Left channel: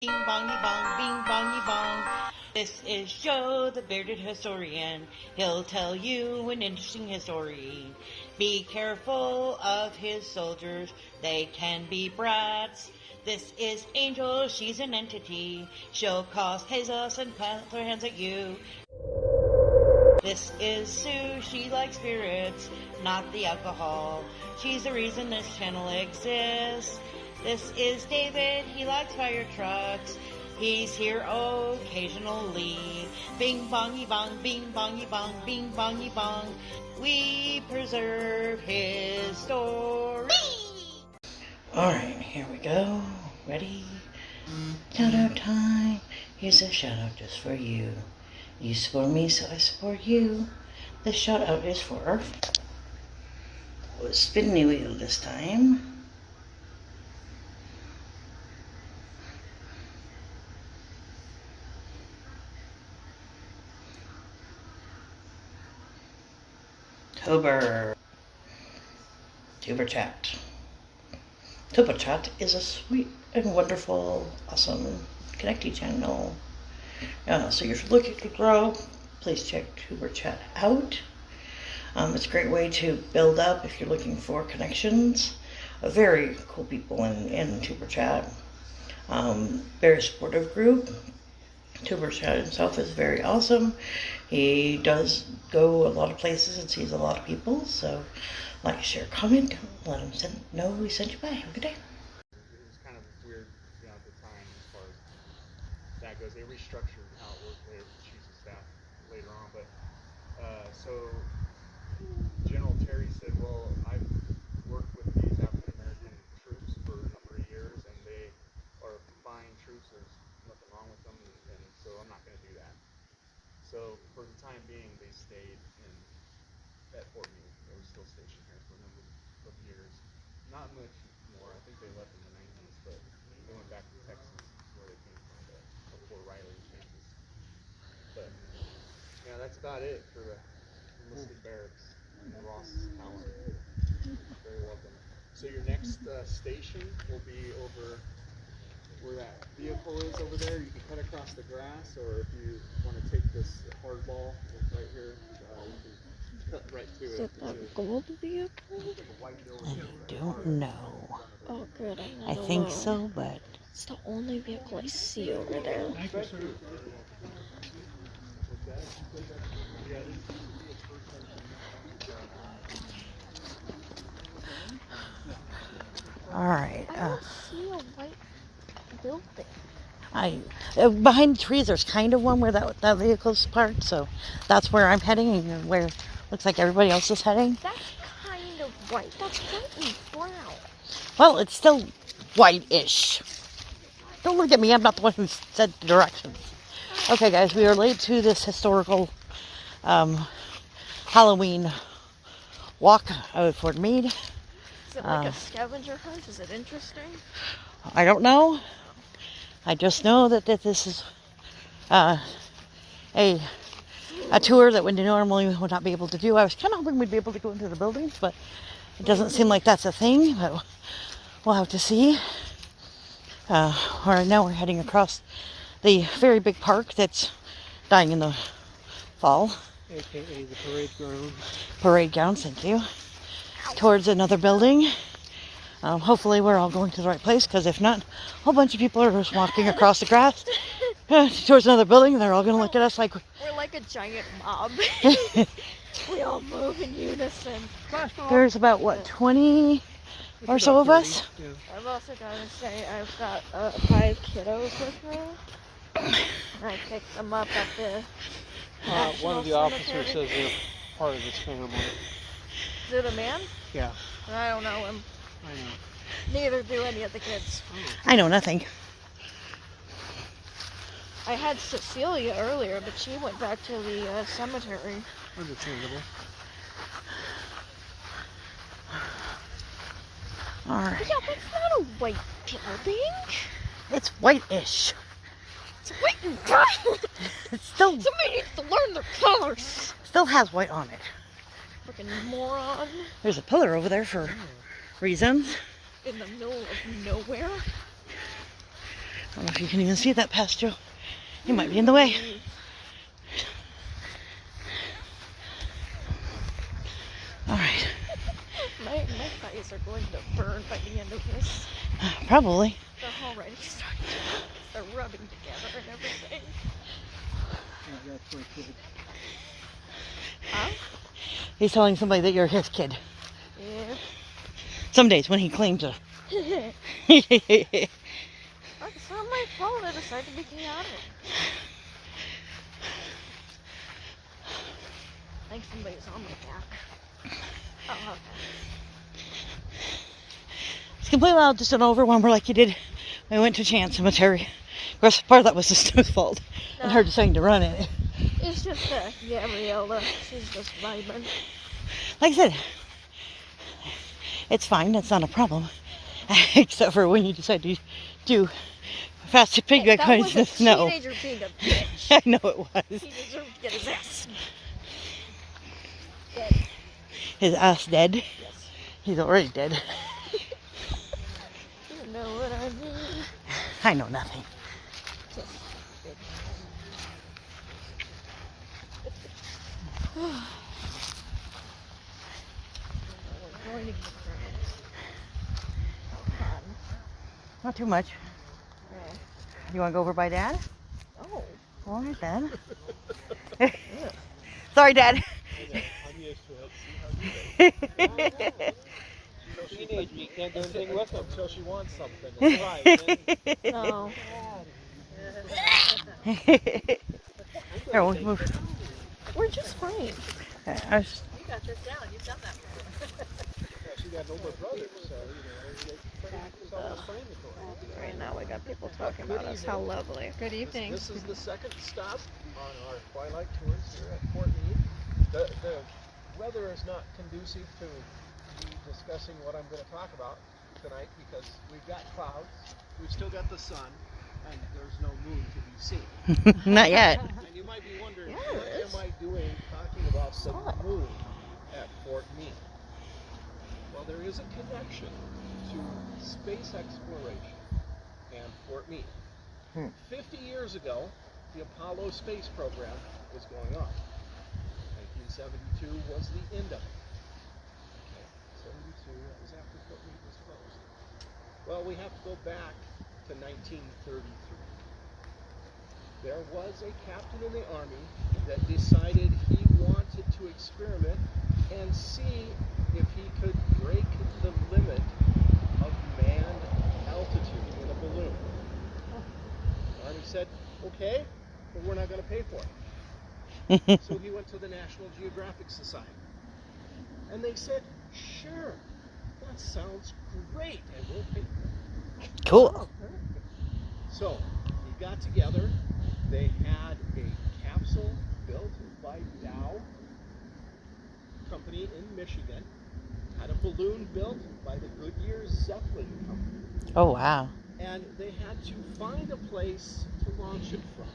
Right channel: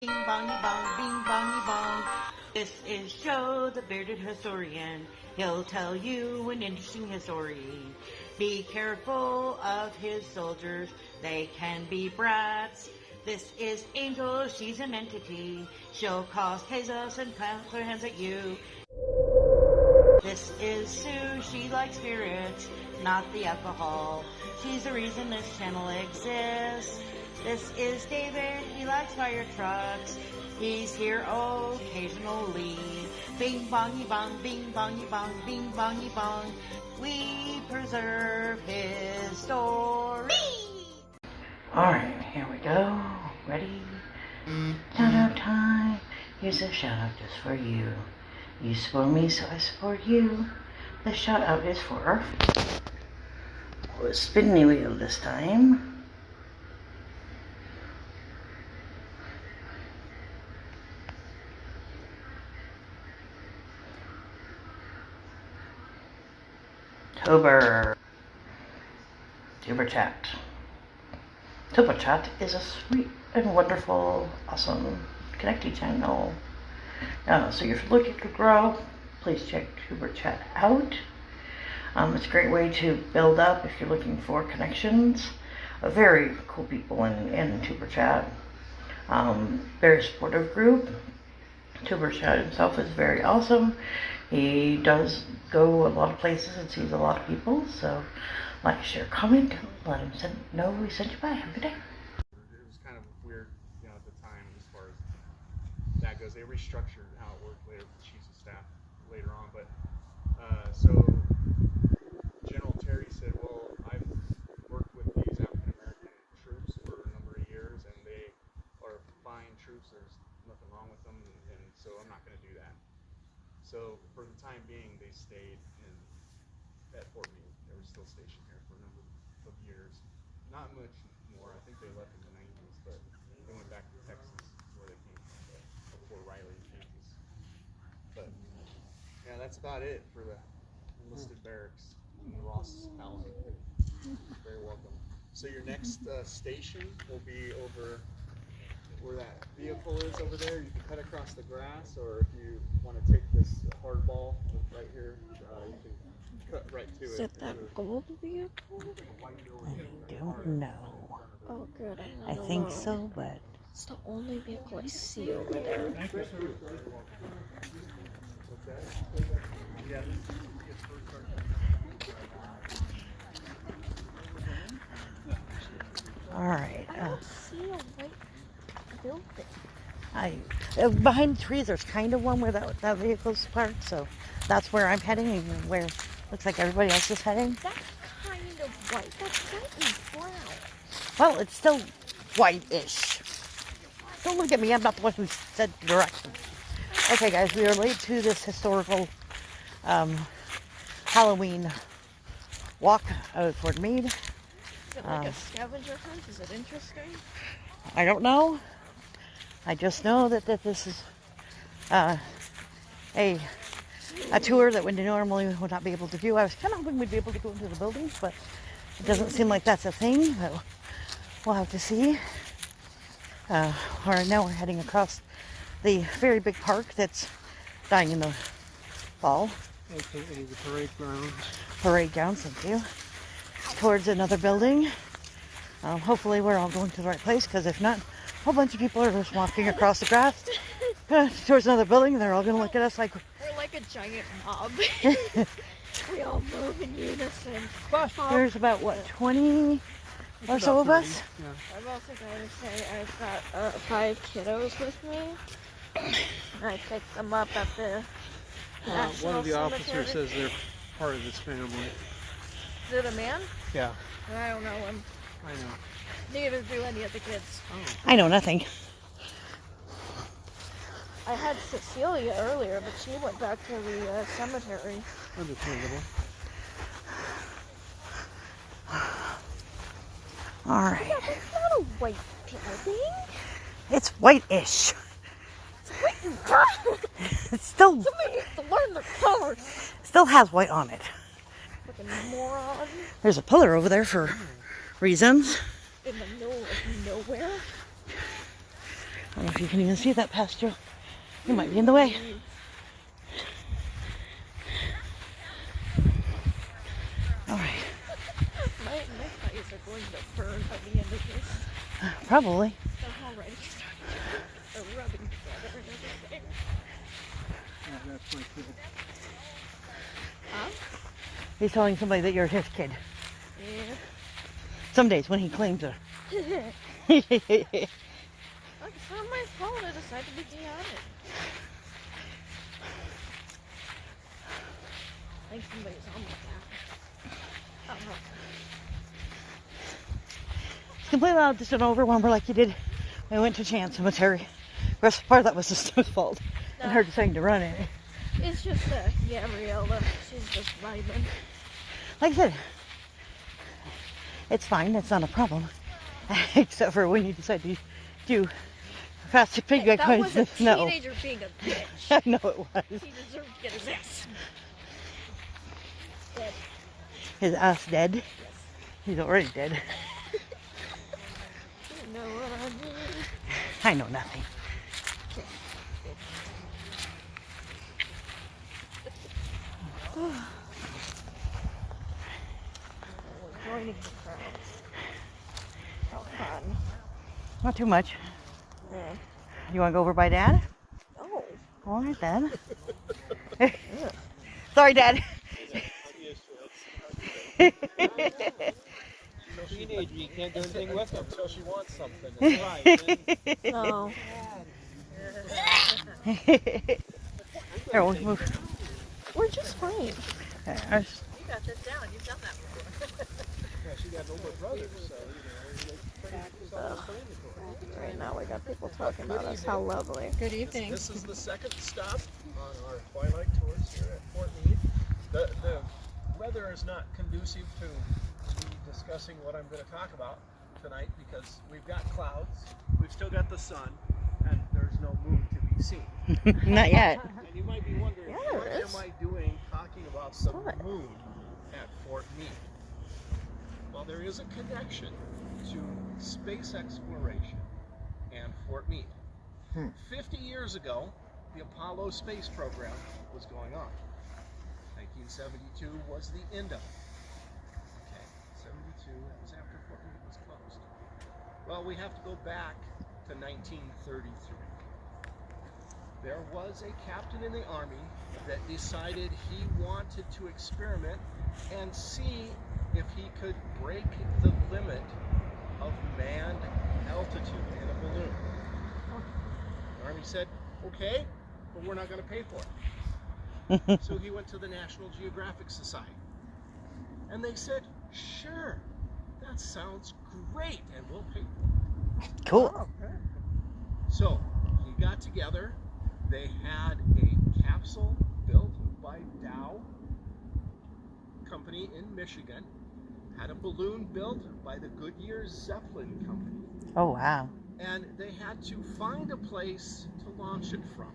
Bing bongy bong, bing bongy bong. This is Joe, the bearded historian. He'll tell you an interesting story. Be careful of his soldiers, they can be brats. This is Angel, she's an entity. She'll cause chaos and plant her hands at you. This is Sue, she likes spirits, not the alcohol. She's the reason this channel exists. This is David, he likes fire trucks. He's here occasionally. Bing bongy bong, bing bongy bong, bing bongy bong. We preserve his story. Alright, here we go. Ready? Shout out time. Here's a shout out just for you. You support me, so I support you. The shout out is for the spinny wheel this time. Tuber Chat. Tuber Chat is a sweet and wonderful, awesome connecting channel. So if you're looking to grow, please check Tuber Chat out. It's a great way to build up if you're looking for connections. Very cool people in Tuber Chat. Very supportive group. Tuber Chat himself is very awesome. He does go a lot of places and sees a lot of people, so like, share, comment, let him know we sent you by. Have a good day. It was kind of weird, at the time as far as that goes. They restructured how it worked later with the chiefs of staff later on, but so General Terry said, well, I've worked with these African American troops for a number of years, and they are fine troops. There's nothing wrong with them, and so I'm not going to do that. So for the time being, they stayed at Fort Meade. They were still stationed there for a number of years. Not much more. I think they left in the 90s, but they went back to Texas, where they came from, before Riley, Kansas. But yeah, that's about it for the enlisted barracks in Ross, Allen. Very welcome. So your next station will be over where that vehicle is over there. You can cut across the grass, or if you want to take this hard ball right here, you can cut right to it. Is that gold vehicle? I don't know. Oh, good. I think so, but It's the only vehicle I see over there. alright. I don't see a white building. Behind the trees, there's kind of one where that vehicle's parked, so that's where I'm heading, and where looks like everybody else is heading. That's kind of white. That's getting brown. Well, it's still white-ish. Don't look at me, I'm not the one who said the direction. Okay, guys, we are late to this historical Halloween walk out of Fort Meade. Is it like a scavenger hunt? Is it interesting? I don't know. I just know that this is a tour that we normally would not be able to do. I was kind of hoping we'd be able to go into the buildings, but it doesn't seem like that's a thing. But we'll have to see. Right now we're heading across the very big park that's dying in the fall. AKA the parade grounds. Parade grounds, thank you. Towards another building. Hopefully we're all going to the right place, because if not, a whole bunch of people are just walking across the grass towards another building, and they're all going to look at us like we're like a giant mob. We all move in unison. There's about, what, 20 or so of us? Yeah. I've also got to say I've got 5 kiddos with me. And I picked them up at the One of the National officers Cemetery. says they're part of this family. Is it a man? Yeah, I don't know him. I know. Neither do any of the kids. I know nothing. I had Cecilia earlier, but she went back to the cemetery. Understandable. Alright. Yeah, but it's not a white building. It's white-ish. It's white and brown. It still Somebody needs to learn their colors. has white on it. Fucking moron. There's a pillar over there for reasons. In the middle of nowhere. I don't know if you can even see that past Joe. He might be in the way. All right. My thighs are going to burn by the end of this. Probably. They're already starting. They're rubbing together and everything. Yeah, that's my kid. Huh? He's telling somebody that you're his kid. Yeah. Some days when he claims it. Oh, it's not my fault. I decided to be chaotic. I think somebody's on my back. It's completely allowed to sit over when we're like you did when we went to Chance Cemetery. Of course, part of that was the snow's fault and her deciding to run it. It's just Gabriella. She's just vibing. Like I said, it's fine. It's not a problem. Except for when you decide to do fast piggyback That rides was in a the snow. teenager being a bitch. I know it was. He deserved to get his ass. His ass dead. Yes. He's already dead. You know what I mean? I know nothing. Joining Not too much. Yeah. You want to go over by Dad? Oh. All right, Dad. Sorry, Dad. I'm used to it. Teenage, you can't do anything with them until she wants something. It's right. No. Here, we'll move. We're just fine. I was- You got this down. You've done that before. Yeah, she got an older brother, so, it's pretty self-explanatory. Right now we got people talking about us. How lovely. Good evening. This is the second stop on our twilight tours here at Fort Meade. The weather is not conducive to me discussing what I'm going to talk about tonight because we've got clouds, we've still got the sun, and there's no moon to be seen. Not yet. And you might be wondering, Yeah, what it is. am I doing talking about the Sun. moon at Fort Meade? Well, there is a connection to space exploration and Fort Meade. 50 years ago, the Apollo space program was going on. 1972 was the end of it. Okay, 72, that was after Fort Meade was closed. Well, we have to go back to 1933. There was a captain in the Army that decided he wanted to experiment and see if he could break the limit of manned altitude in a balloon. The Army said, okay, but we're not going to pay for it. So he went to the National Geographic Society. And they said, sure, that sounds great, and we'll pay for it. Cool. So he got together. They had a capsule built by Dow Company in Michigan, had a balloon built by the Goodyear Zeppelin Company, Oh, wow. and they had to find a place to launch it from.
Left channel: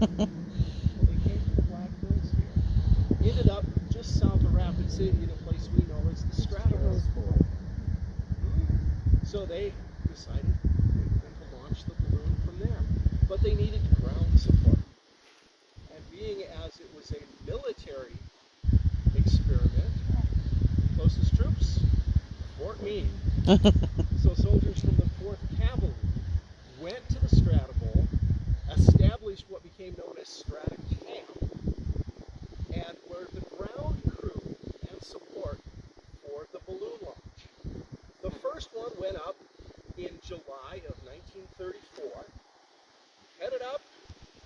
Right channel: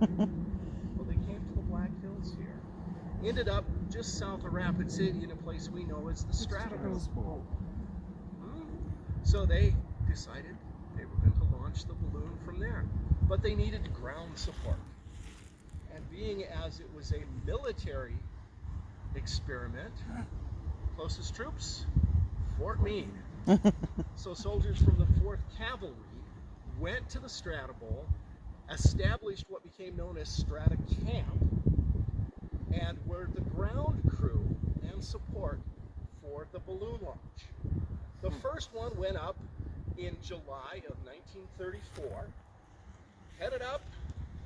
Well, they came to the Black Hills here. Ended up just south of Rapid City in a place we know as the Stratosphere. So they decided they were going to launch the balloon from there. But they needed ground support. And being as it was a military experiment, closest troops, Fort Meade. So soldiers from the 4th Cavalry went to the Stratobowl, established what became known as Strata Camp, and were the ground crew and support for the balloon launch. The first one went up in July of 1934. Headed up,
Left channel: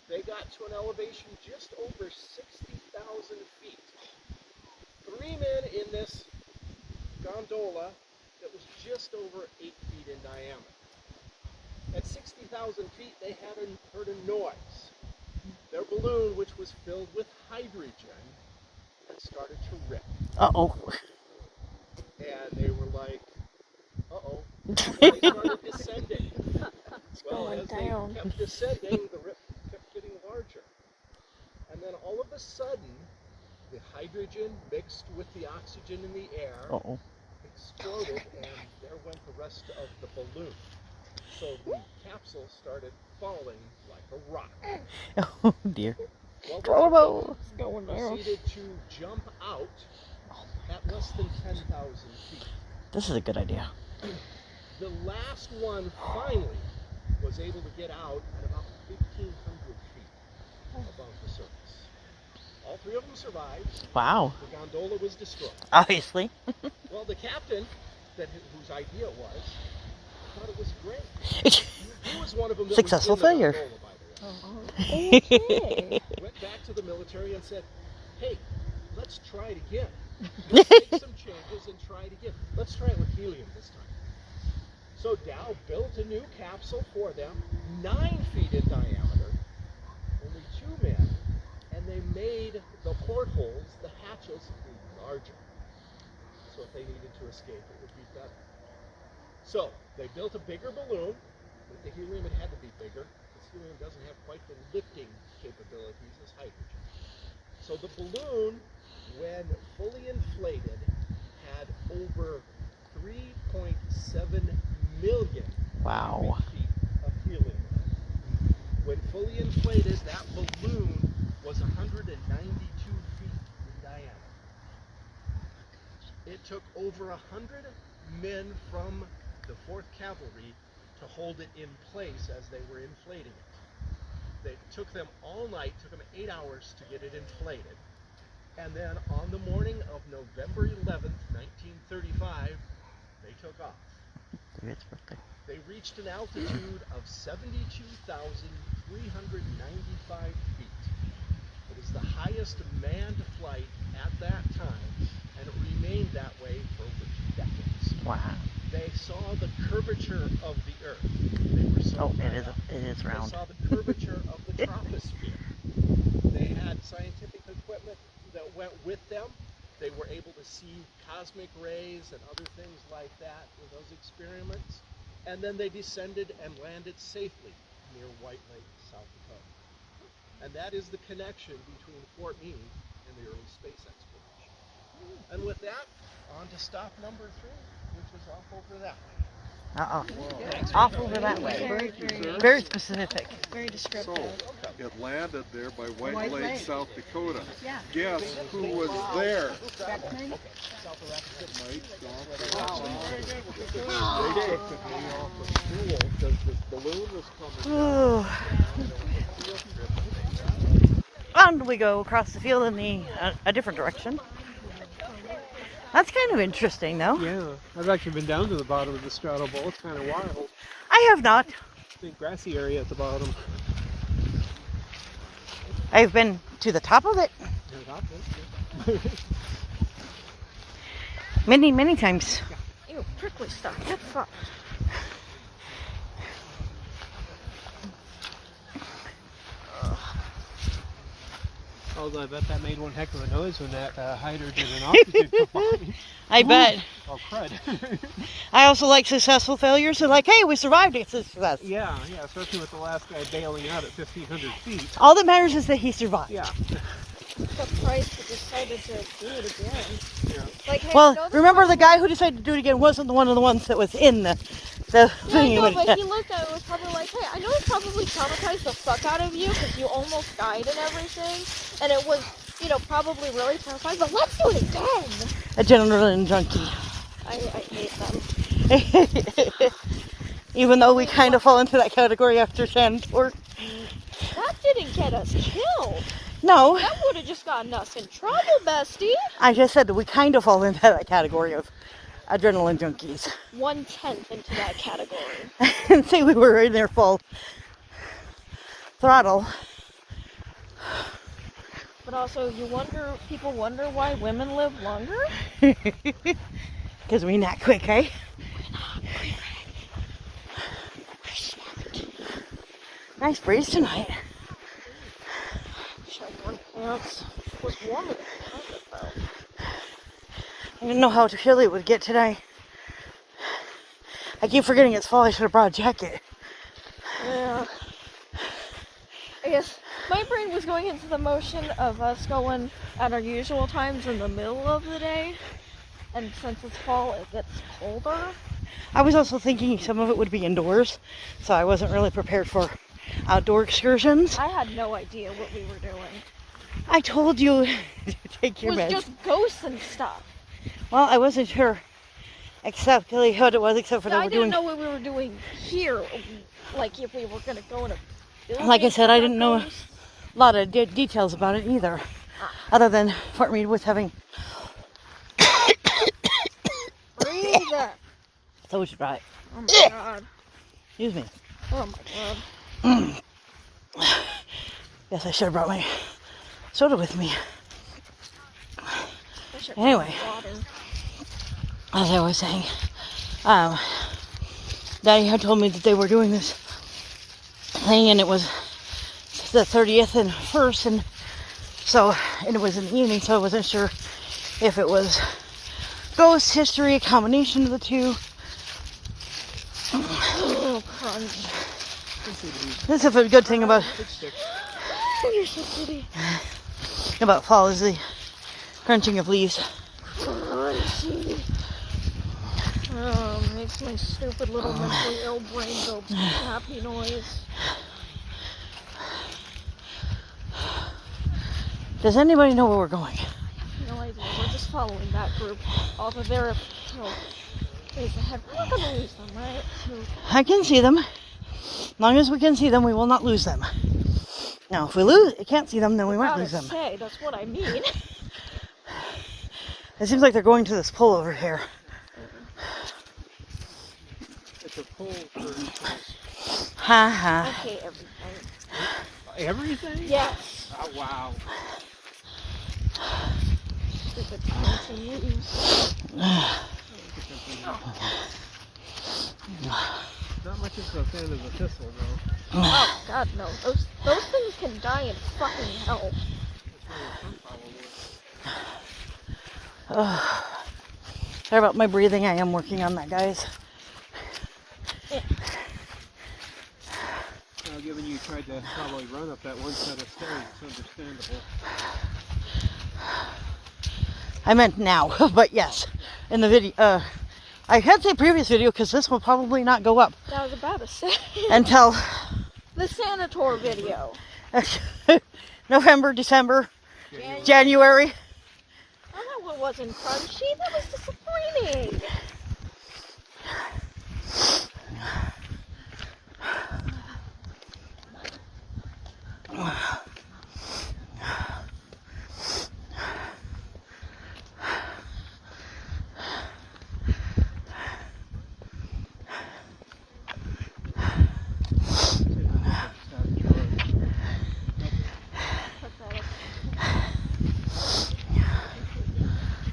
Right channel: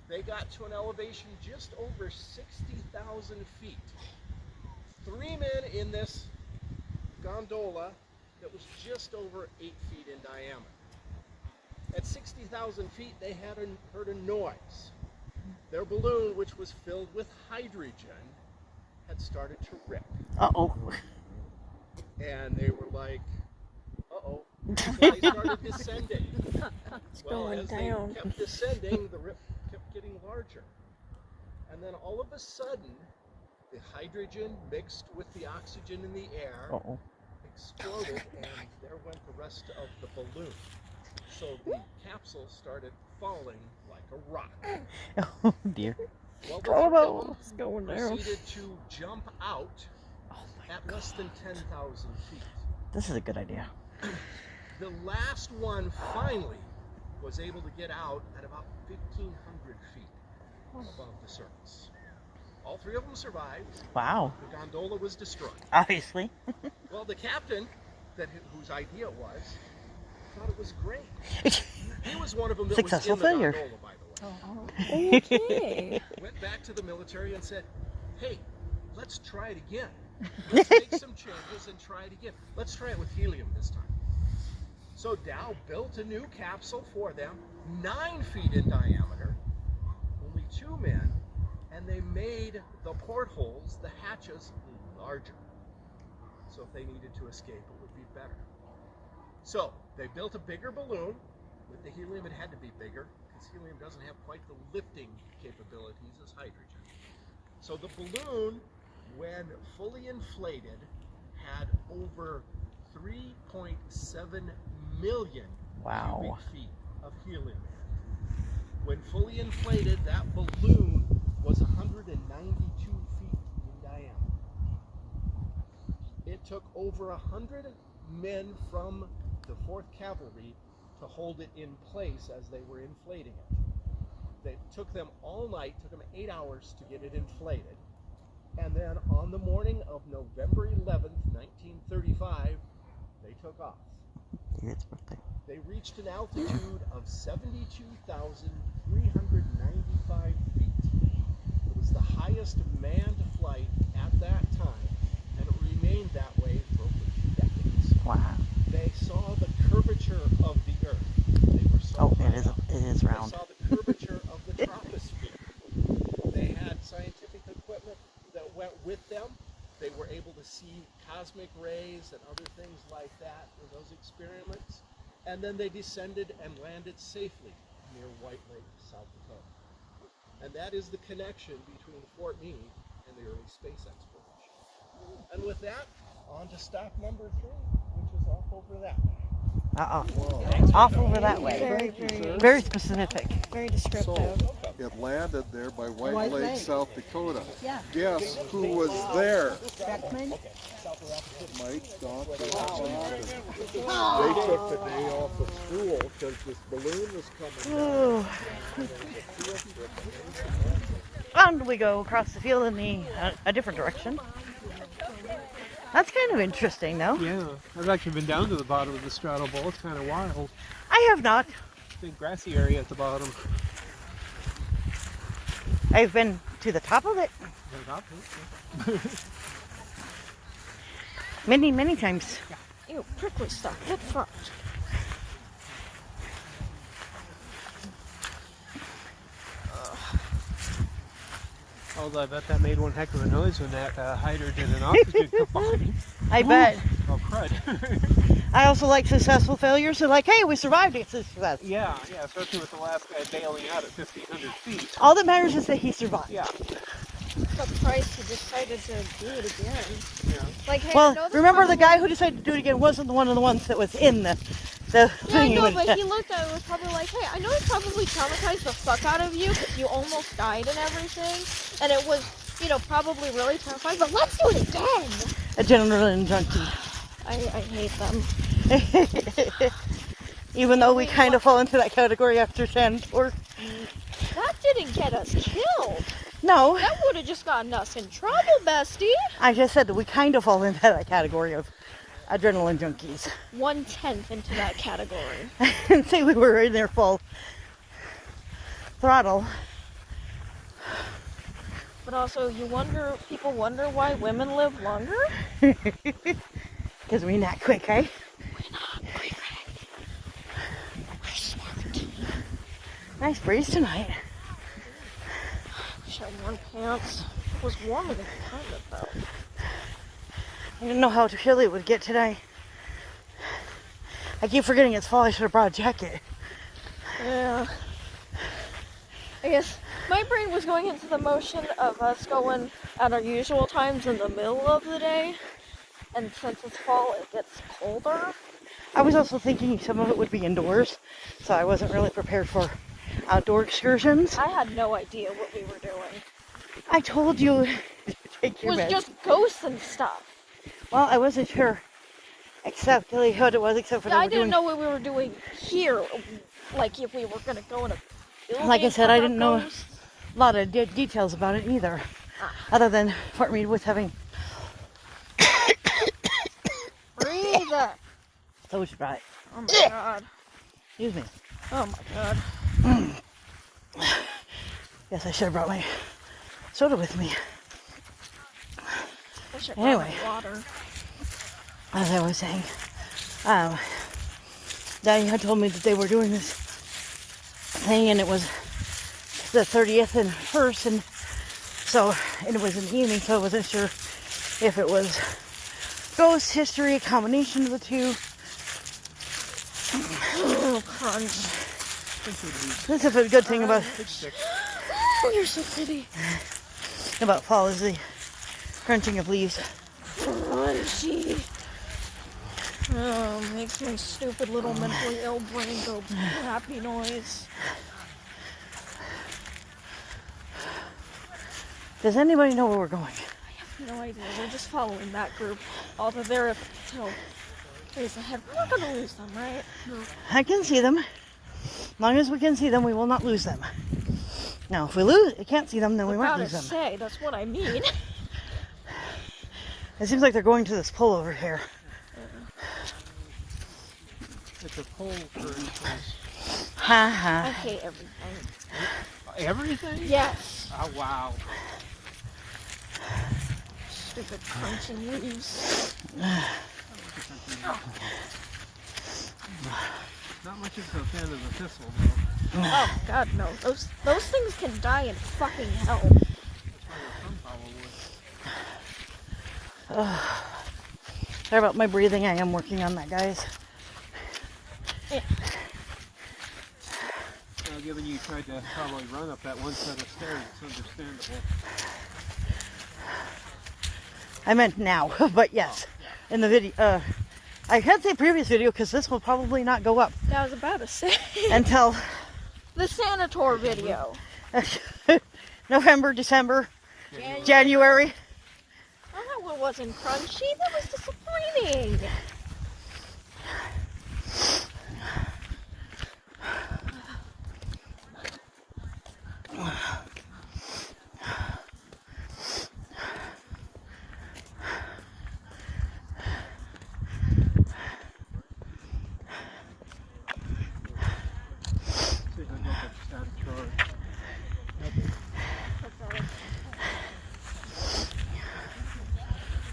they got to an elevation just over 60,000 feet. 3 men in this gondola that was just over 8 feet in diameter. At 60,000 feet, they heard a noise. Their balloon, which was filled with hydrogen, had started to rip. Uh-oh. And they were like, uh-oh. So they started descending. Well, going as they down. kept descending, the rip kept getting larger. And then all of a sudden, the hydrogen mixed with the oxygen in the air Uh-oh. exploded, and there went the rest of the balloon. So the capsule started falling like a rock. Oh dear. Well, the Oh, three no. of them It's going down. proceeded to jump out at less than 10,000 feet. This is a good idea. The last one finally was able to get out at about 1,500 feet above the surface. All three of them survived. Wow. The gondola was destroyed. Obviously. Well, the captain, whose idea it was, thought it was great. He was one of them that Successful was in failure. the gondola, by the way. Oh, okay. Went back to the military and said, hey, let's try it again. Let's make some changes and try it again. Let's try it with helium this time. So Dow built a new capsule for them, 9 feet in diameter, only 2 men, and they made the portholes, the hatches, larger. So if they needed to escape, it would be better. So they built a bigger balloon. With the helium, it had to be bigger, because helium doesn't have quite the lifting capabilities as hydrogen. So the balloon, when fully inflated, had over 3.7 million Wow. cubic feet of helium in it. When fully inflated, that balloon was 192 feet in diameter. It took over 100 men from the 4th Cavalry to hold it in place as they were inflating it. It took them all night, took them 8 hours to get it inflated. And then on the morning of November 11th, 1935, they took off. It's birthday. They reached an altitude of 72,395 feet. It was the highest manned flight at that time, and it remained that way for over 2 decades. Wow. They saw the curvature of the Earth. They were so Oh, high up. it is round. They saw the curvature of the troposphere. They had scientific equipment that went with them. They were able to see cosmic rays and other things like that in those experiments. And then they descended and landed safely near White Lake, South Dakota. And that is the connection between Fort Meade and the early space exploration. And with that, on to stop number 3, which is off over that way. Off over that way. Very, very, Very specific. very descriptive. It landed there by White White Lake, Lake. South Dakota. Yeah. Guess who was there? Beckman? Mike Doc. They took me off of school because this balloon was coming Ooh. And we go across the field in a different direction. That's kind of interesting, though. Yeah, I've actually been down to the bottom of the straddle bowl. It's kind of wild. I have not. Big grassy area at the bottom. I've been to the top of it many, many times. Ew, prickly stuff. Get fucked. Although I bet that made one heck of a noise when that hydrogen and oxygen combined. I bet. Oh, crud. I also like successful failures. They're like, hey, we survived it. Success. Yeah, especially with the last guy bailing out at 1,500 feet. All that matters is that he survived. Yeah. Surprised he decided to do it again. Like, hey, Well, I know this remember the probably- guy who decided to do it again wasn't the one of the ones that was in the Yeah, I thing. know, when- but he looked at it and was probably like, hey, I know it probably traumatized the fuck out of you because you almost died and everything. And it was, probably really terrifying, but let's do it again. Adrenaline junkie. I hate them. Even though we kind of fall into that category after Sandor. That didn't get us killed. No, That would have just gotten us in trouble, bestie. I just said that we kind of fall into that category of adrenaline junkies. 1/10 into that category. And say we were in there full throttle. But also, people wonder why women live longer? Because we're not quick, right? Nice breeze tonight. Wish I wore pants. It was warmer than it though. I didn't know how chilly it would get today. I keep forgetting it's fall. I should have brought a jacket. Yeah. I guess my brain was going into the motion of us going at our usual times in the middle of the day. And since it's fall, it gets colder. I was also thinking some of it would be indoors, so I wasn't really prepared for outdoor excursions. I had no idea what we were doing. I told you to take It your was meds. just ghosts and stuff. Well, I wasn't sure exactly what it was, except for Yeah, they I were didn't doing. know what we were doing here. Like if we were gonna go in a building Like I said, I didn't know ghosts. a lot of details about it either, other than Fort Meade was having Breathe it. those right. Oh my god. Excuse me. Oh my god. Yes, I should have brought my soda with me. Wish I brought Anyway. water. As I was saying, Daddy had told me that they were doing this thing, and it was the 30th and 1st, and it was in the evening, so I wasn't sure if it was ghost history, a combination of the two. Oh, crunch. This is a good thing about Oh, you're so pretty. fall is the crunching of leaves. Crunchy. Oh, makes my stupid little mentally ill brain go happy noise. Does anybody know where we're going? No idea. We're just following that group. Off of there until days ahead. We're not gonna lose them, right? I can see them. As long as we can see them, we will not lose them. Now, if we can't see them, then we won't lose them. Say, that's what I mean. It seems like they're going to this pull over here. It's a pool of Ha I ha. hate everything. everything? Yes. Oh, wow. Stupid crunchy leaves. Not much of a fan of the thistle, though. Oh God, no. Those things can die in fucking hell. Sorry about my breathing. I am working on that, guys. Yeah. Well, given you tried to probably run up that one set of stairs, it's understandable. I meant now, but yes, in the video. I had to say previous video because this will probably not go up Yeah, I was about to say. until The Sanator video. November, December, January. Oh, that one wasn't crunchy. That was disappointing.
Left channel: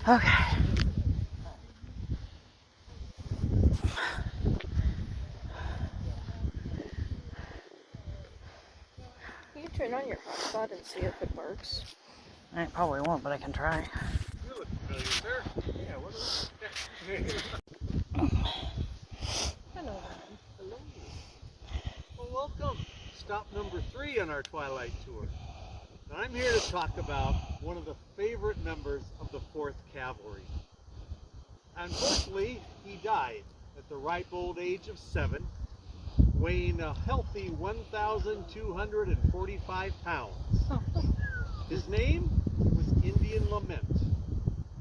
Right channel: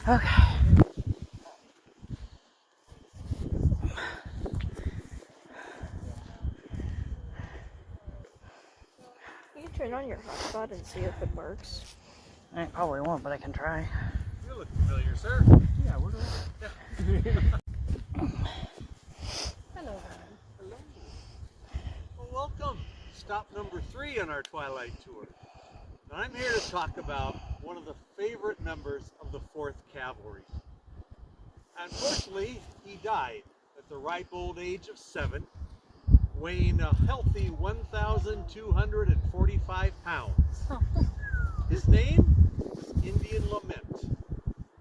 Okay. You can turn on your hotspot and see if it works. I probably won't, but I can try. You look familiar, sir. Yeah, what is Hello. Hello. Well, welcome. Stop number 3 on our Twilight Tour. And I'm here to talk about one of the favorite members of the 4th Cavalry. Unfortunately, he died at the ripe old age of 7, weighing a healthy 1,245 pounds. His name was Indian Lament.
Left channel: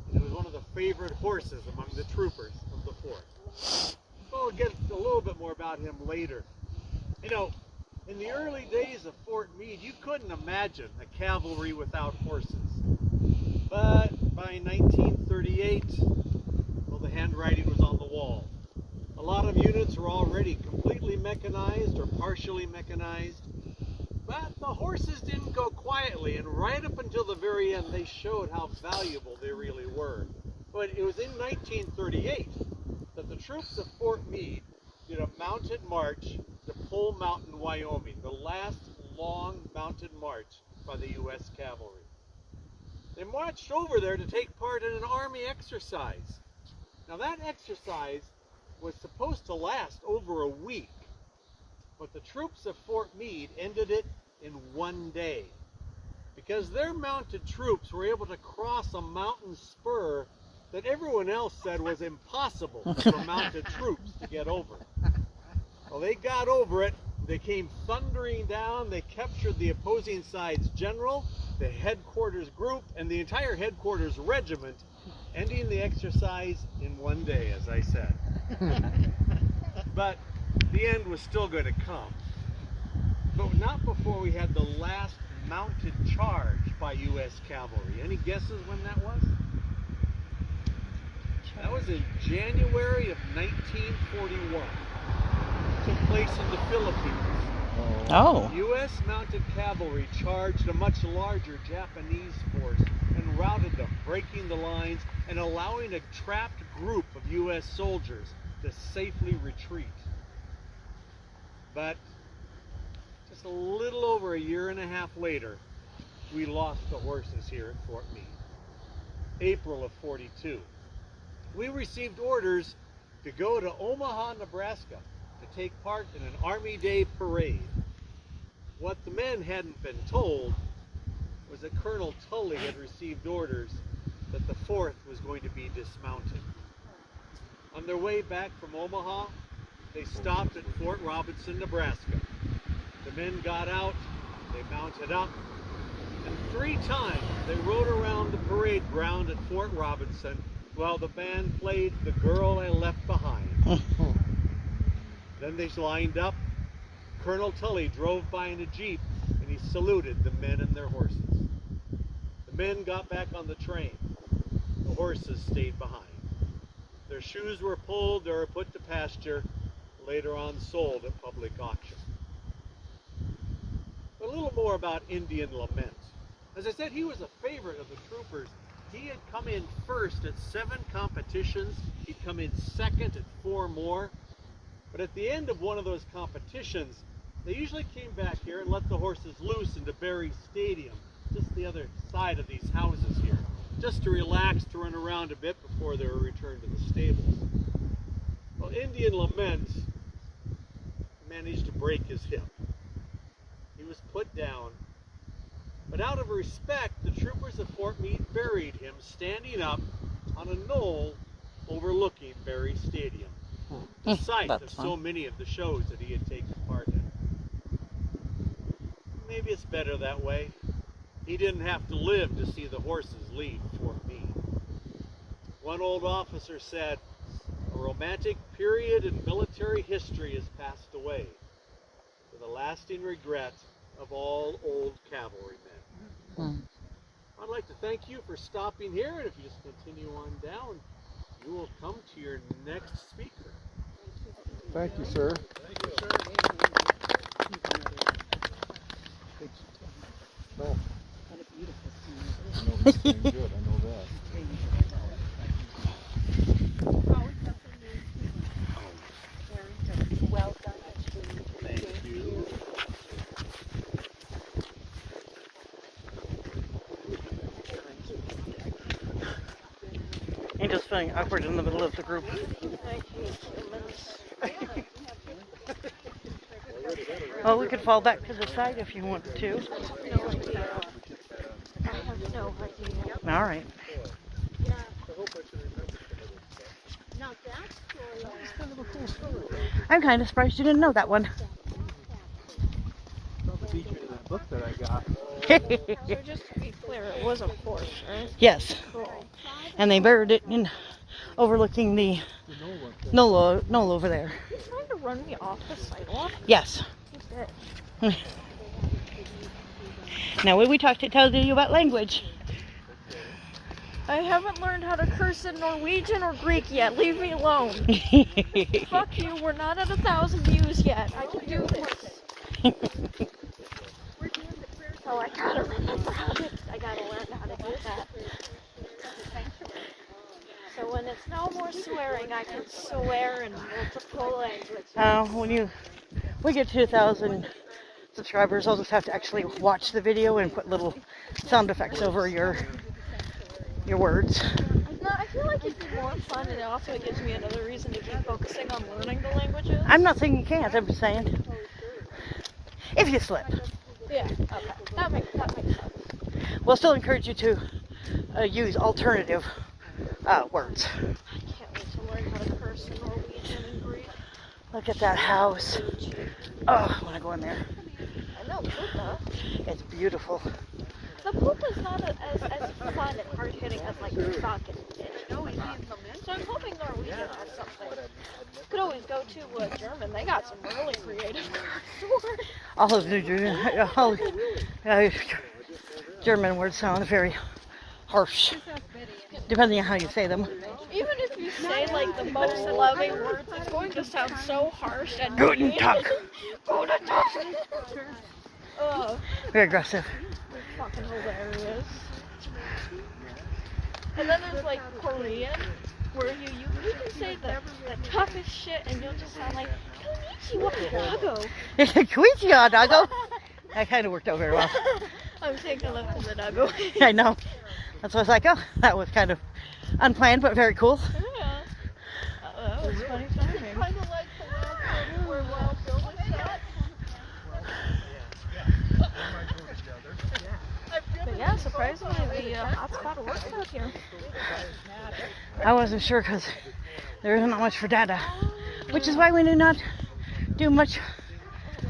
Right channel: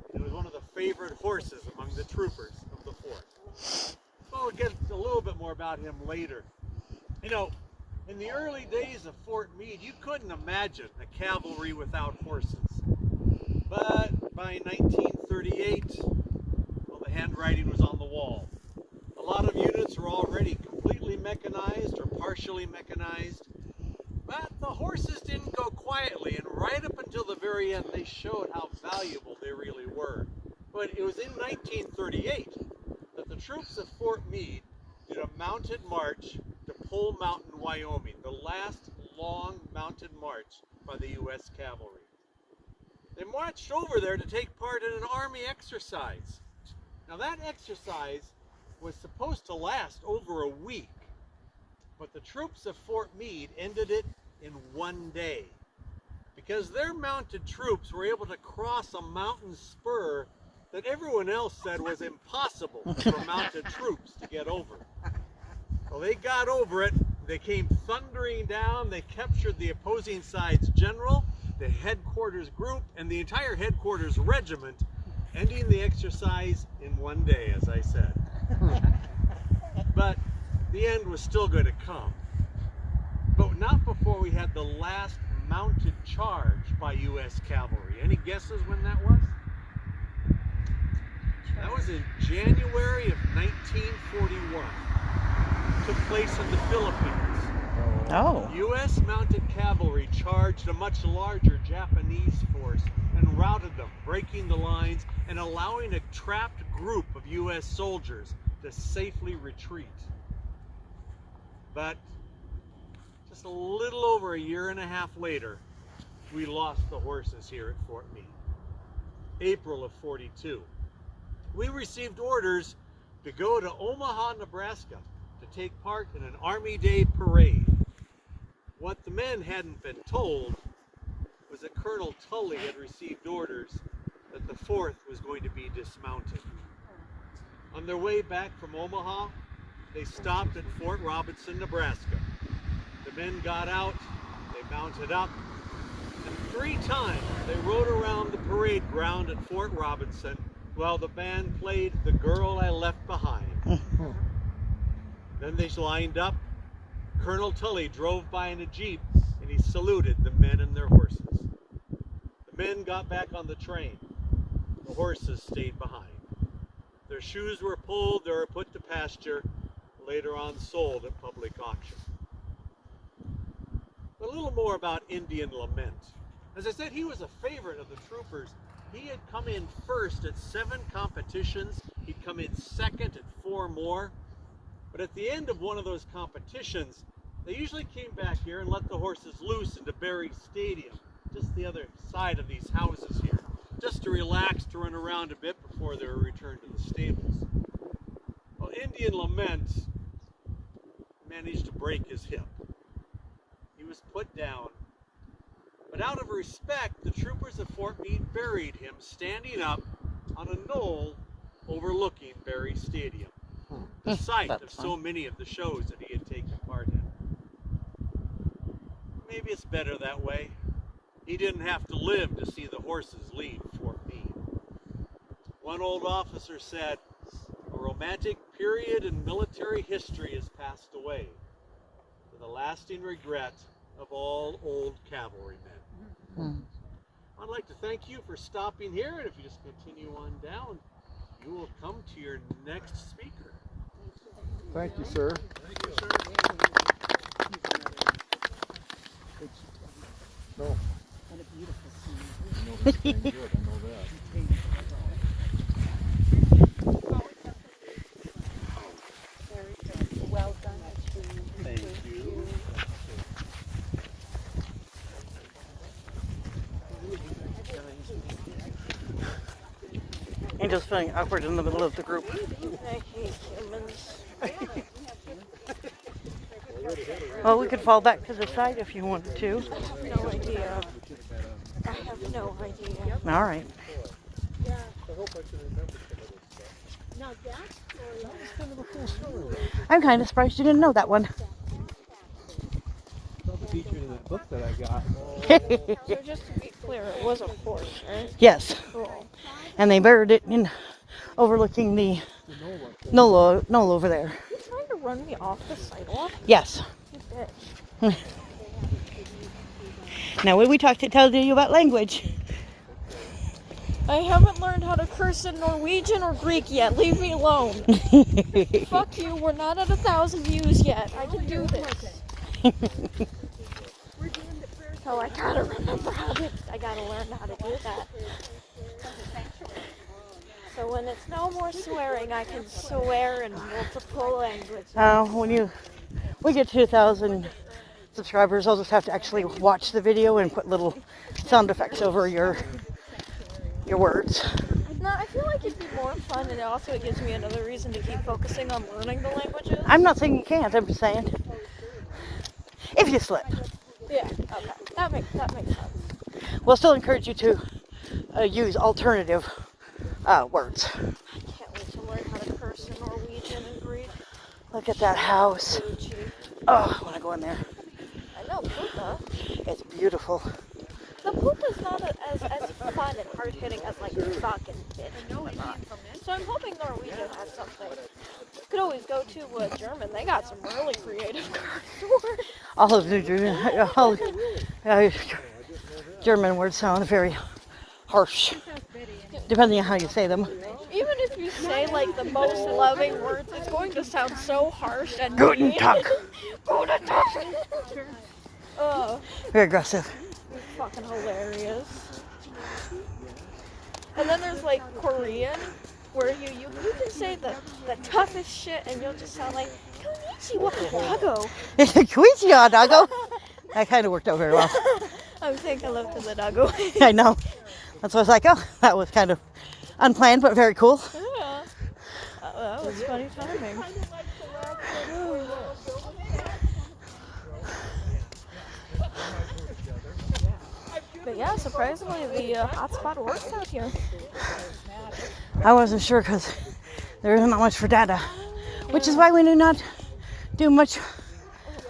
And it was one of the favorite horses among the troopers of the 4th. Well, we'll get a little bit more about him later. You know, in the early days of Fort Meade, you couldn't imagine a cavalry without horses. But by 1938, well, the handwriting was on the wall. A lot of units were already completely mechanized or partially mechanized. But the horses didn't go quietly, and right up until the very end, they showed how valuable they really were. But it was in 1938 that the troops of Fort Meade did a mounted march to Pole Mountain, Wyoming, the last long mounted march by the U.S. cavalry. They marched over there to take part in an army exercise. Now that exercise was supposed to last over a week, but the troops of Fort Meade ended it in one day because their mounted troops were able to cross a mountain spur that everyone else said was impossible for mounted troops to get over. Well, they got over it. They came thundering down. They captured the opposing side's general, the headquarters group, and the entire headquarters regiment, ending the exercise in one day, as I said. But the end was still going to come. But not before we had the last mounted charge by U.S. cavalry. Any guesses when that was? That was in January of 1941. Took place in the Philippines. Oh. U.S. mounted cavalry charged a much larger Japanese force and routed them, breaking the lines and allowing a trapped group of U.S. soldiers to safely retreat. But just a little over a year and a half later, we lost the horses here at Fort Meade. April of '42. We received orders to go to Omaha, Nebraska to take part in an Army Day parade. What the men hadn't been told was that Colonel Tully had received orders that the 4th was going to be dismounted. On their way back from Omaha, they stopped at Fort Robinson, Nebraska. The men got out, they mounted up, and 3 times they rode around the parade ground at Fort Robinson while the band played The Girl I Left Behind. Then they lined up. Colonel Tully drove by in a jeep and he saluted the men and their horses. The men got back on the train. The horses stayed behind. Their shoes were pulled, they were put to pasture, later on sold at public auction. A little more about Indian Lament. As I said, he was a favorite of the troopers. He had come in first at 7 competitions. He'd come in second at 4 more. But at the end of one of those competitions, they usually came back here and let the horses loose into Berry Stadium, just the other side of these houses here, just to relax, to run around a bit before they were returned to the stables. Well, Indian Lament managed to break his hip. He was put down, but out of respect, the troopers at Fort Meade buried him standing up on a knoll overlooking Berry Stadium, the site of so many of the shows that he had taken part in. Maybe it's better that way. He didn't have to live to see the horses leave Fort Meade. One old officer said, "A romantic period in military history has passed away, with a lasting regret of all old cavalrymen." I'd like to thank you for stopping here, and if you just continue on down, you will come to your next speaker. Thank you, sir. Well, I know this thing good, I know that. Well done. Thank you. Angel's feeling awkward in the middle of the group. Well, we could fall back to the side if you wanted to. All right. I'm kind of surprised you didn't know that one. Featured in that book that I got. So just to be clear, it was a horse, right? Yes. Cool. And they buried it in overlooking the knoll over there. Are you trying to run me off the sidewalk? Yes. Okay. Now, when we tell you about language. I haven't learned how to curse in Norwegian or Greek yet. Leave me alone. Fuck you. We're not at 1,000 views yet. I can do this. Oh, I gotta remember I gotta learn how to do that. So when it's no more swearing, I can swear in multiple languages. When we get to 1,000 subscribers, I'll just have to actually watch the video and put little sound effects over your words. I feel like it'd be more fun, and also it gives me another reason to keep focusing on learning the languages. I'm not saying you can't, I'm just saying if you slip. Yeah, okay. That makes sense. We'll still encourage you to use alternative Words. I can't wait to learn how to curse in Norwegian and Greek. Look at that house. Oh, I want to go in there. I know, Puka. It's beautiful. The Puka's not as fun and hard-hitting as like the Falcon is. So I'm hoping Norwegian has something. You could always go to German. They got some really creative curse words. All of the German words sound very harsh, depending on how you say them. Even if you say like the most loving words, it's going to sound so harsh and Guten mean. Tag. Guten Tag. Very aggressive. Fucking hilarious. And then there's like Korean, where you can say the toughest shit and you'll just sound like Konnichiwa. Kuichia, doggo. That kind of worked out very well. I'm taking a look at the doggo. I know. That's why I was like, oh, that was kind of unplanned, but very cool. Yeah. Oh, that was funny timing. But yeah, surprisingly, the hotspot works out here. I wasn't sure because there isn't much for data, which is why we do not do much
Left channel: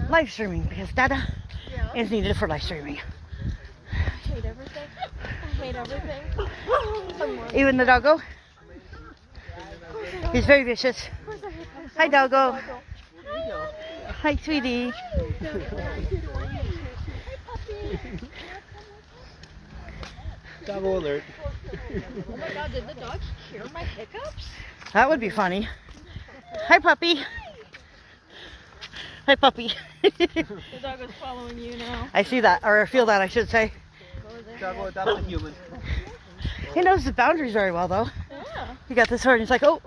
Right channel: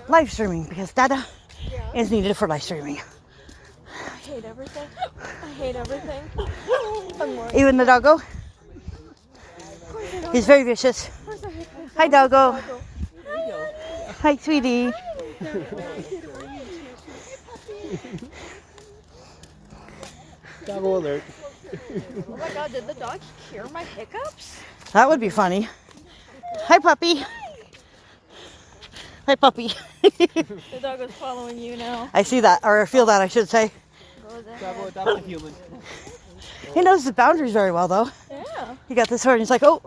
live streaming, because data is needed for live streaming. I hate everything. I hate everything. Even the doggo. He's very vicious. Hi, doggo. Hi, sweetie. Doggo alert. Oh my god, did the dog hear my hiccups? That would be funny. Hi, puppy. Hi, puppy. The dog is following you now. I see that, or feel that, I should say. Doggo adopt a human. He knows the boundaries very well, though. Yeah. He got this hard, and he's like, oh,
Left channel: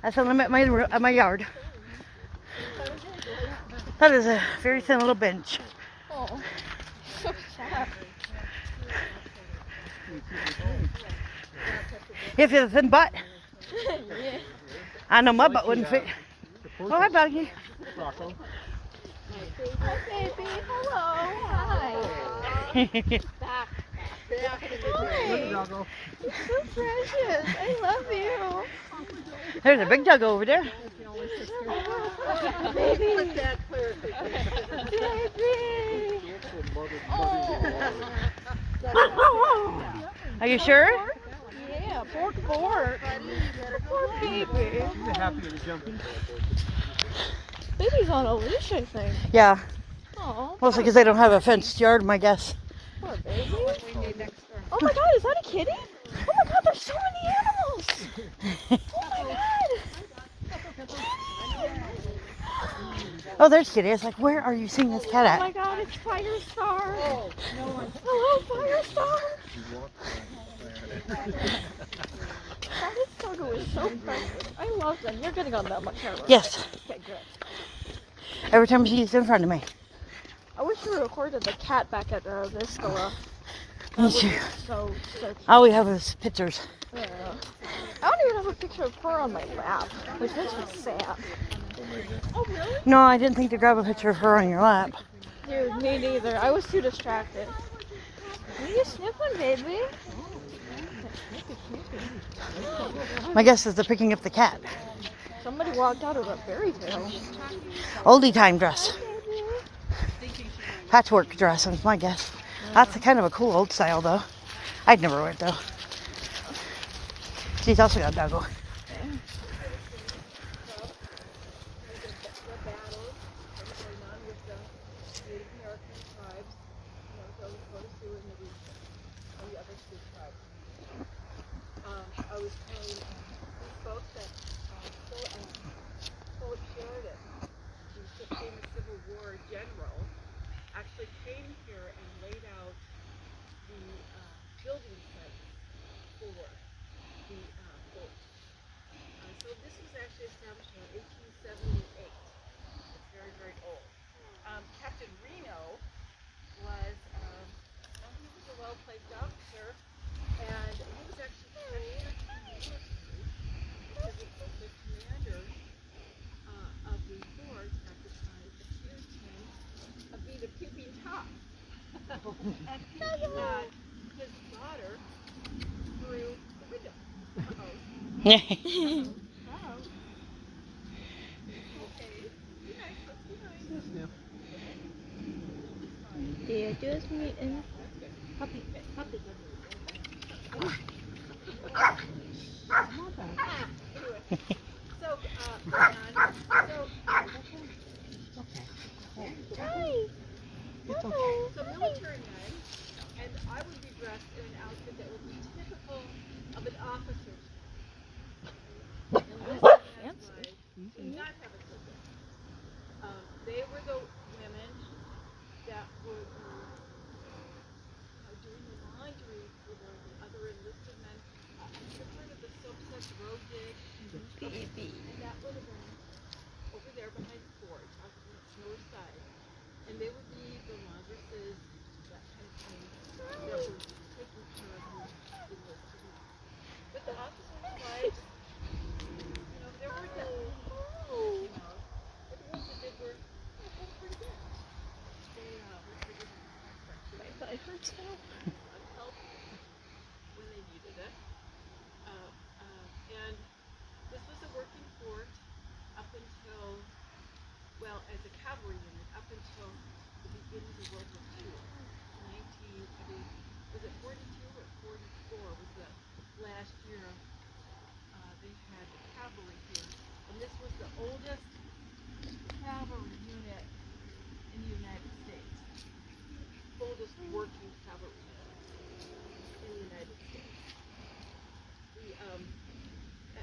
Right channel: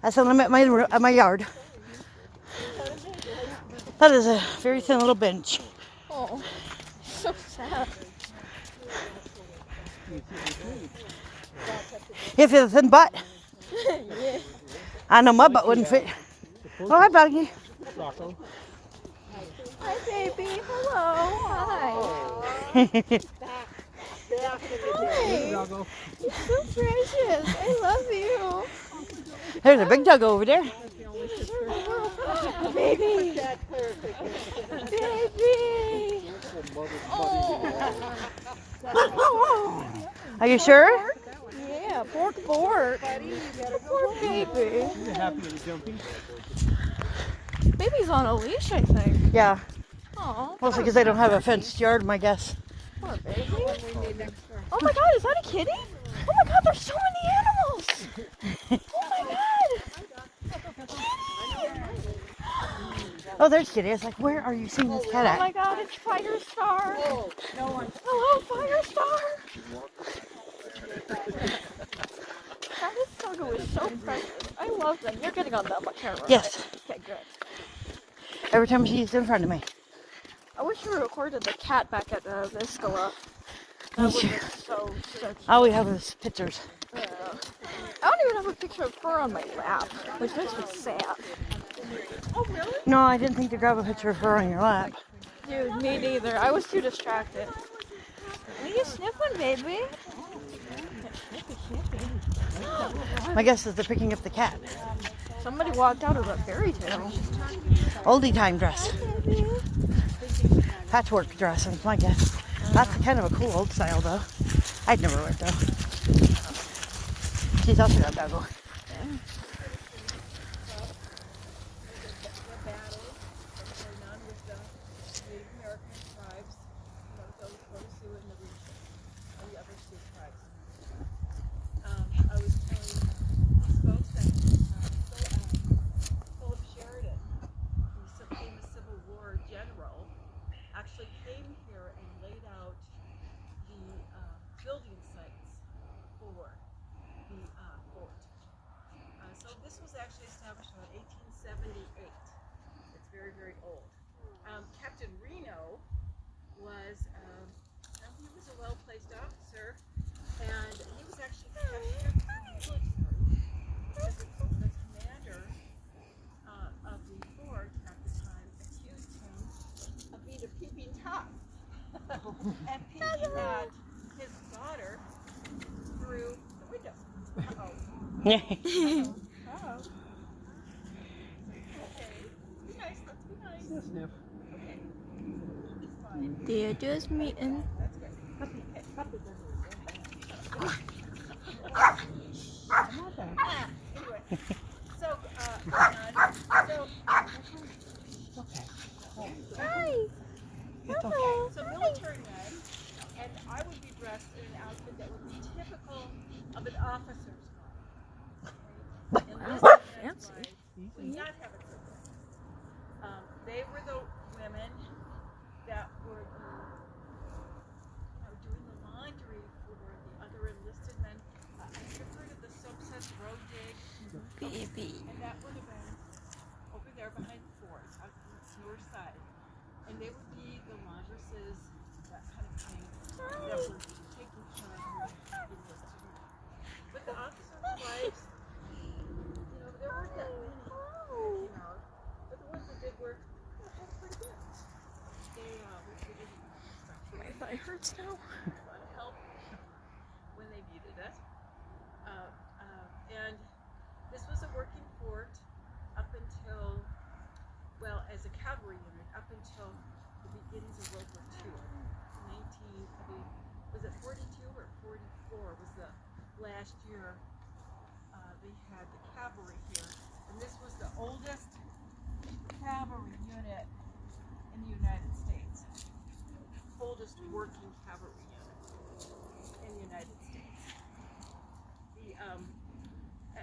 that's when I'm at my yard. That is a very thin little bench. Oh, so sad. If you had a thin butt, Yeah. I know my butt wouldn't fit. Oh, hi, buddy. Rocco. Hi, baby. Hello. Hi. Look, Doggo. You're so precious. I love you. There's a big dog over there. Baby. Are you sure? Yeah, pork. Poor baby. You're happy to be jumping. Baby's on a leash, I think. Yeah. Aw. Mostly because they don't have a fenced yard, my guess. Poor baby. Oh my god, is that a kitty? Oh my god, there's so many animals. Oh my god. Oh, there's Kitty. I was like, where are you seeing this cat Oh my at? god, it's Firestar. Oh, no one. Hello, Firestar. That is so good. So friendly. I love them. You're getting on that much camera. Yes. Okay, good. Every time she's in front of me. I wish I would have recorded the cat back at Viscola. That would have been so sexy. All we have is pictures. Yeah. I don't even have a picture of her on my lap. Which makes me sad. Oh, really? No, I didn't think to grab a picture of her on your lap. Dude, me neither. I was too distracted. Are you sniffing, baby? My guess is they're picking up the cat. Somebody walked out of a fairy tale. Oldie time dress. Patchwork dress, is my guess. That's kind of a cool old style, though. I'd never wear it, though. She's also got a doggo. Actually came here and laid out the building sites for the fort. So this was actually established in 1878. It's very, very old. Captain Reno was, he was a well-placed officer, and he was actually captured in the military because the commander of the fort at the time accused him of being a peeping Tom. And his daughter through the window. Okay. Be nice. Let's be nice. Yes, Sniff. Okay. It's fine. They're just meeting. That's good. Anyway, so so military men, and I would be dressed in an outfit that would be typical of an officer's wife. Enlisted men's wife would not have it so good. They were the women that would doing the laundry for the other enlisted men. You've heard of the Soapsets Road Dig? Baby. And that would have been over there behind the fort on the north side. And they would be the laundresses, that kind of thing, that were taking care of the enlisted men. But the officers' wives, there were that came out. But the ones that did work, it was pretty good. They were pretty good. It hurts now. A lot of help when they needed it. And this was a working fort up until, well, as a cavalry unit, up until the beginnings of World War II. Was it 42 or 44 was the last year they had the cavalry here. And this was the oldest cavalry unit in the United States. Oldest working cavalry unit in the United States.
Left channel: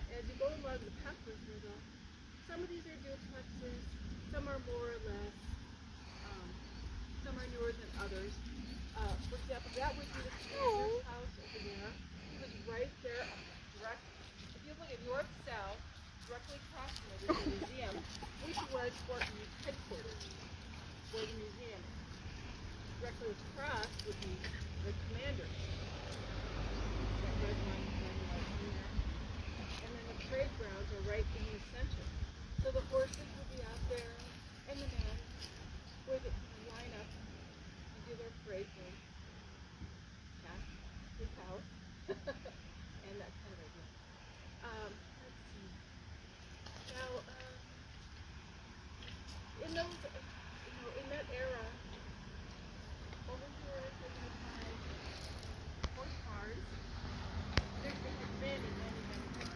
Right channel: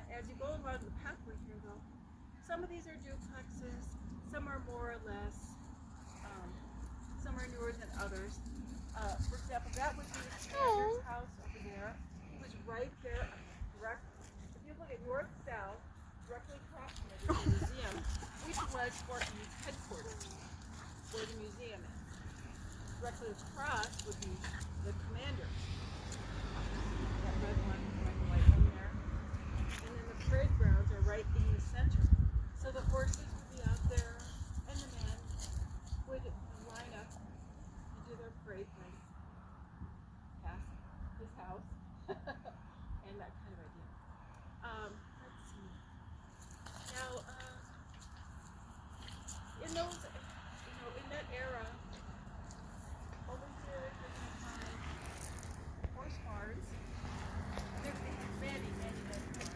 As you go along the pathway here, though, some of these are duplexes, some are more or less, some are newer than others. For example, that would be the commander's house over there. It was right there, direct. If you look at north south, directly across from it is the museum, which was Fort Meade's headquarters, where the museum is. Directly across would be the commander's house, that red one, red and white one there. And then the parade grounds are right in the center. So the horses would be out there, and the men would line up and do their parade thing past his house, and that kind of idea. Let's see. Now, in those, in that era, over here, you're going to find horse barns. There's many, many pictures here.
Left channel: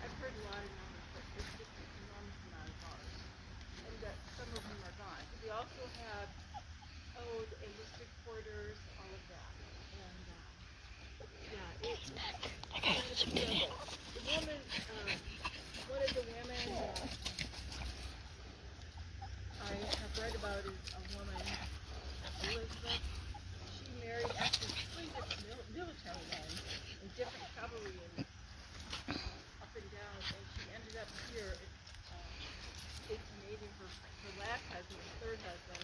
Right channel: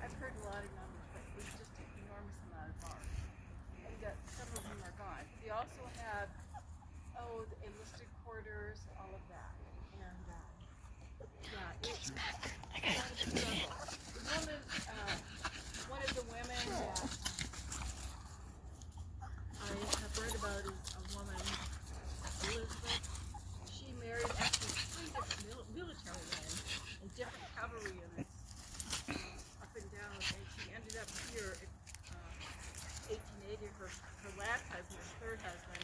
I've heard a lot of numbers, but there's just an enormous amount of barns. And some of them are gone. We also have, the enlisted quarters, all of that. And, the woman, one of the women that I have read about is a woman, Elizabeth. She married actually three different military men in different cavalry units up and down, and she ended up here at 1880. Her last husband, her third husband,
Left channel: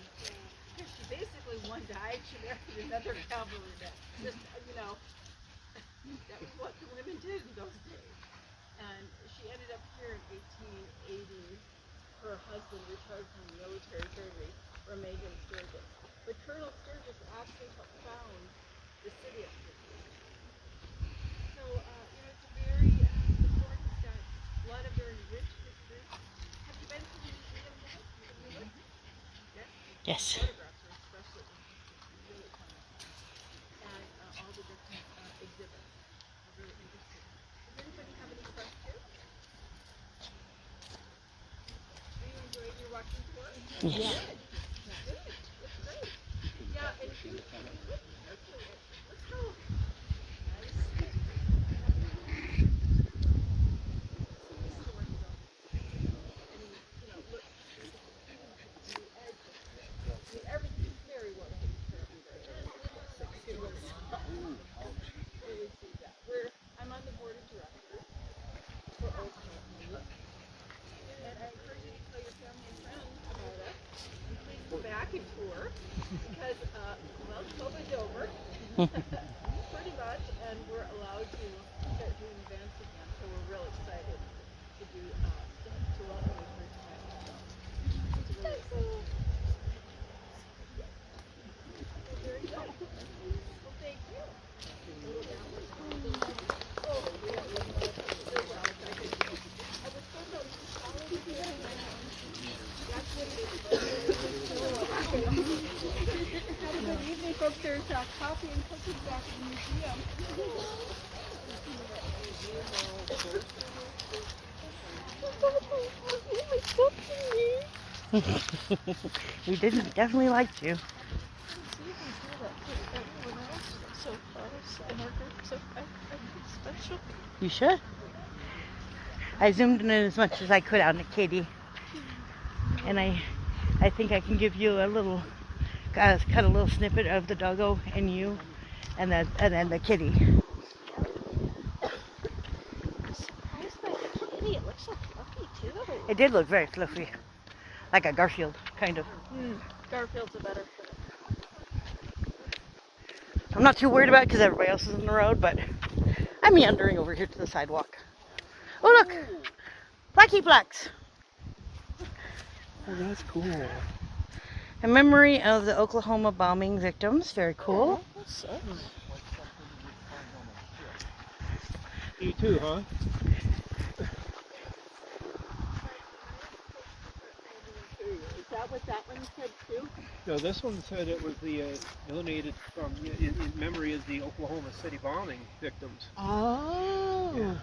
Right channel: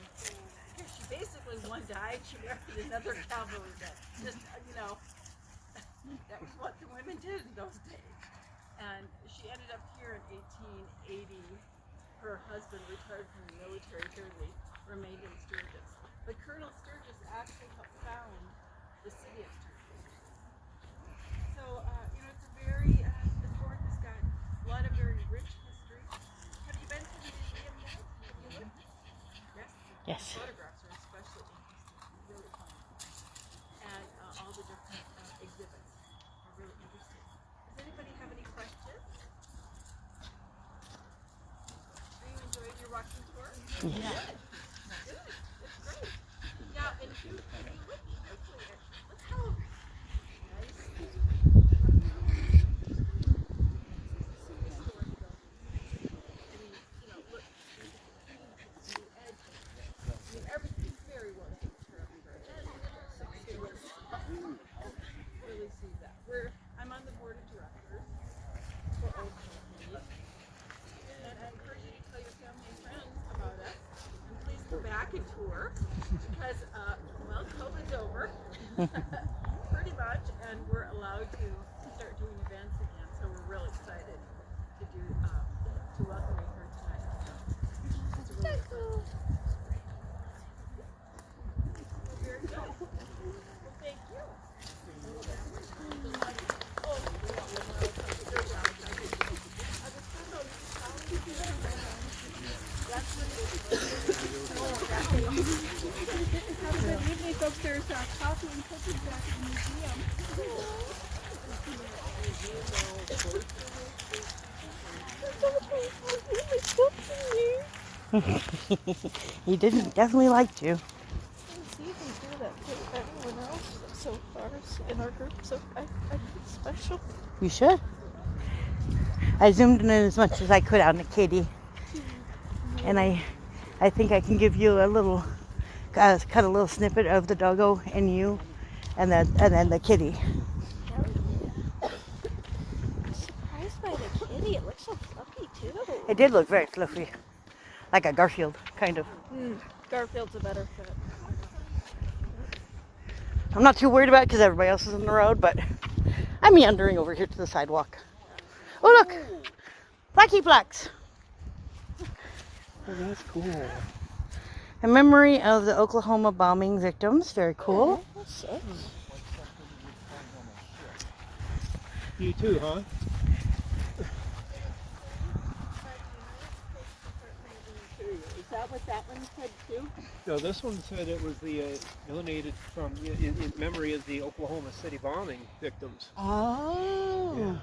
because she basically one died, she married another cavalry man. Just that was what the women did in those days. And she ended up here in 1880. Her husband retired from the military here and remained in Sturgis. But Colonel Sturgis actually helped found the city of Sturgis. So, it's a very, the fort has got a lot of very rich history. Have you been to the museum yet? Have you looked? Yes? Yes. Photographs are especially interesting, really fun. And all the different exhibits are really interesting. Does anybody have any questions? Are you enjoying your walking tour? Yes. Good. That's great. Yeah, and if you look closely at, look how nice. Look, the edge. Everything's very well taken care of. Really see that. I'm on the board of directors for Old Fort Meade. And I encourage you to tell your family and friends about us. And please come back and tour because, COVID's over. Pretty much. And we're allowed to start doing events again. So we're real excited to do, to welcome you here tonight. So it's really exciting. Well, very good. Well, thank you. Oh, Good evening, folks. There's coffee and cookies back at the museum. He didn't definitely like you. So far in our group, so I feel special. You sure? I zoomed in as much as I could on the kitty, and I think I can give you a little, cut a little snippet of the doggo and you, and then the kitty. I'm surprised by the kitty. It looks so fluffy too. It did look very fluffy, like a Garfield kind of. Garfield's a better fit. I'm not too worried about it because everybody else is in the road, but I'm meandering over here to the sidewalk. Oh look, Blackie Blacks. That's cool. A memory of the Oklahoma bombing victims. Very cool. You too, huh? Is that what that one said too? No, this one said it was the donated from in memory of the Oklahoma City bombing victims. Oh.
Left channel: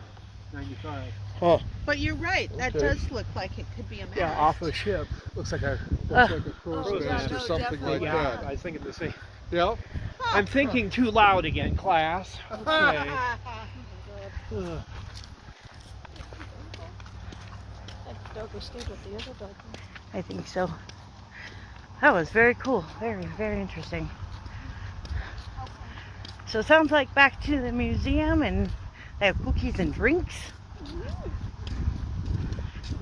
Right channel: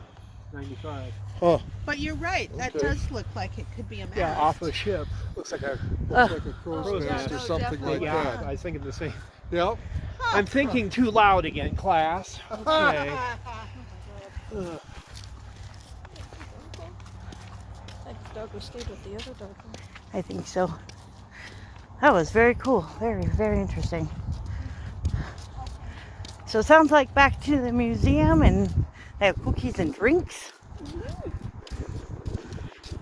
95. Huh. But you're right. That Okay. does look like it could be a mast. Yeah, off a ship. Looks like a cruise Oh, yeah, mast or no, something like Yeah, that. I was thinking the same. Yeah. I'm thinking too loud again, class. Okay. Ugh. Like the dog will stay with the other dog. I think so. That was very cool. Very, very interesting. So it sounds like back to the museum, and they have cookies and drinks.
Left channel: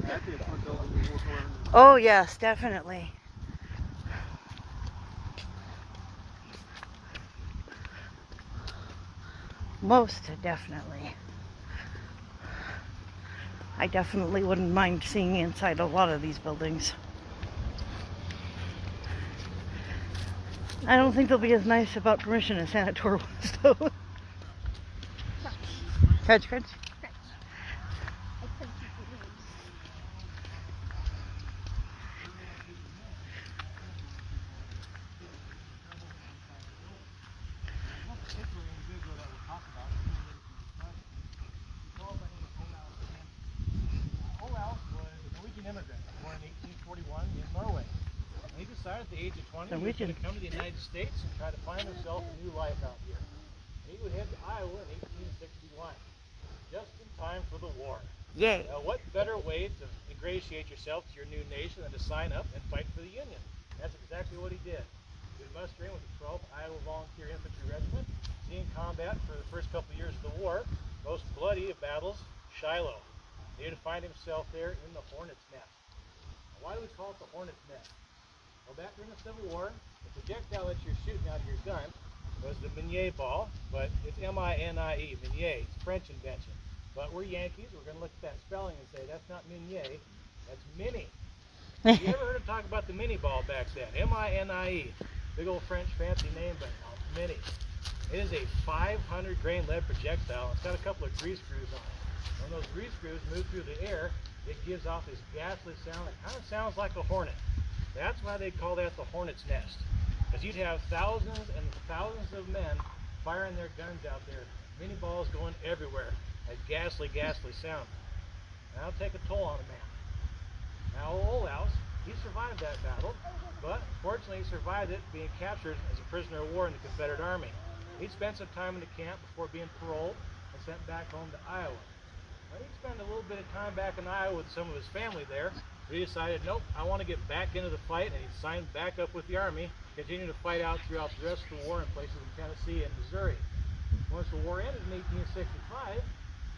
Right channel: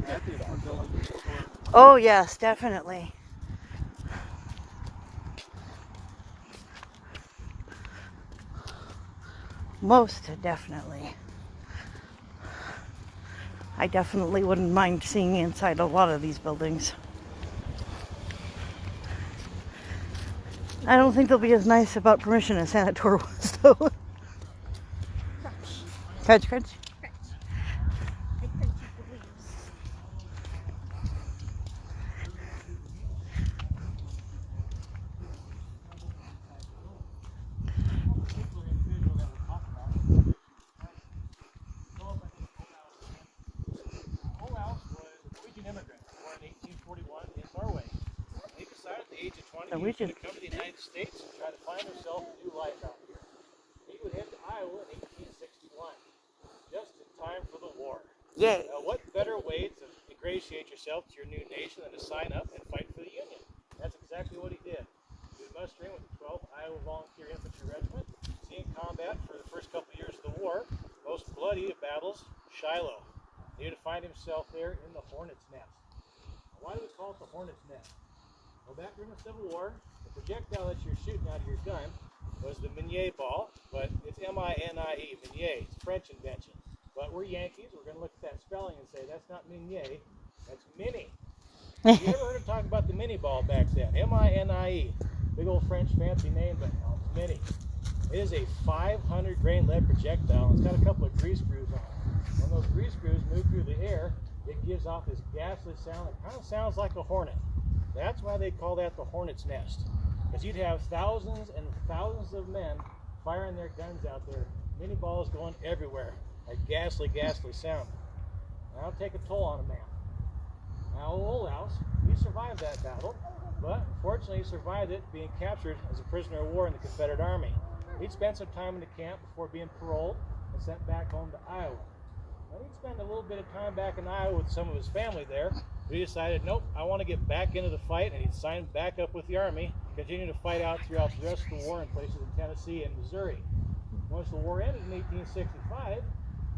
That'd be a fun building to walk around in. Oh yes, definitely. Most definitely. I definitely wouldn't mind seeing inside a lot of these buildings. I don't think they'll be as nice about permission as Sanator was, though. Crunch, crunch. Olaus was a Norwegian immigrant born in 1841 in Norway. He decided at the age of 20 he was going to come to the United States and try to find himself a new life out here. He would head to Iowa in 1861, just in time for the war. Yay. Now, what better way to ingratiate yourself to your new nation than to sign up and fight for the Union? That's exactly what he did. He was mustered in with the 12th Iowa Volunteer Infantry Regiment, seeing combat for the first couple years of the war, most bloody of battles, Shiloh. He had to find himself there in the Hornet's Nest. Now, why do we call it the Hornet's Nest? Well, back during the Civil War, the projectile that you're shooting out of your gun was the Minié ball, but it's M-I-N-I-E, Minié. It's a French invention. But we're Yankees. We're going to look at that spelling and say that's not Minié, that's Mini. You ever heard of talking about the Mini ball back then? M-I-N-I-E. Big old French fancy name, but no, Mini. It is a 500 grain lead projectile. It's got a couple of grease screws on it. When those grease screws move through the air, it gives off this ghastly sound that kind of sounds like a hornet. That's why they call that the Hornet's Nest. Because you'd have thousands and thousands of men firing their guns out there, mini balls going everywhere, a ghastly, ghastly sound. And that'll take a toll on a man. Now, Olaus, he survived that battle, but fortunately he survived it being captured as a prisoner of war in the Confederate Army. He'd spent some time in the camp before being paroled and sent back home to Iowa. Now, he'd spend a little bit of time back in Iowa with some of his family there, but he decided, nope, I want to get back into the fight, and he'd signed back up with the Army, continue to fight out throughout the rest of the war in places in Tennessee and Missouri. Once the war ended in 1865,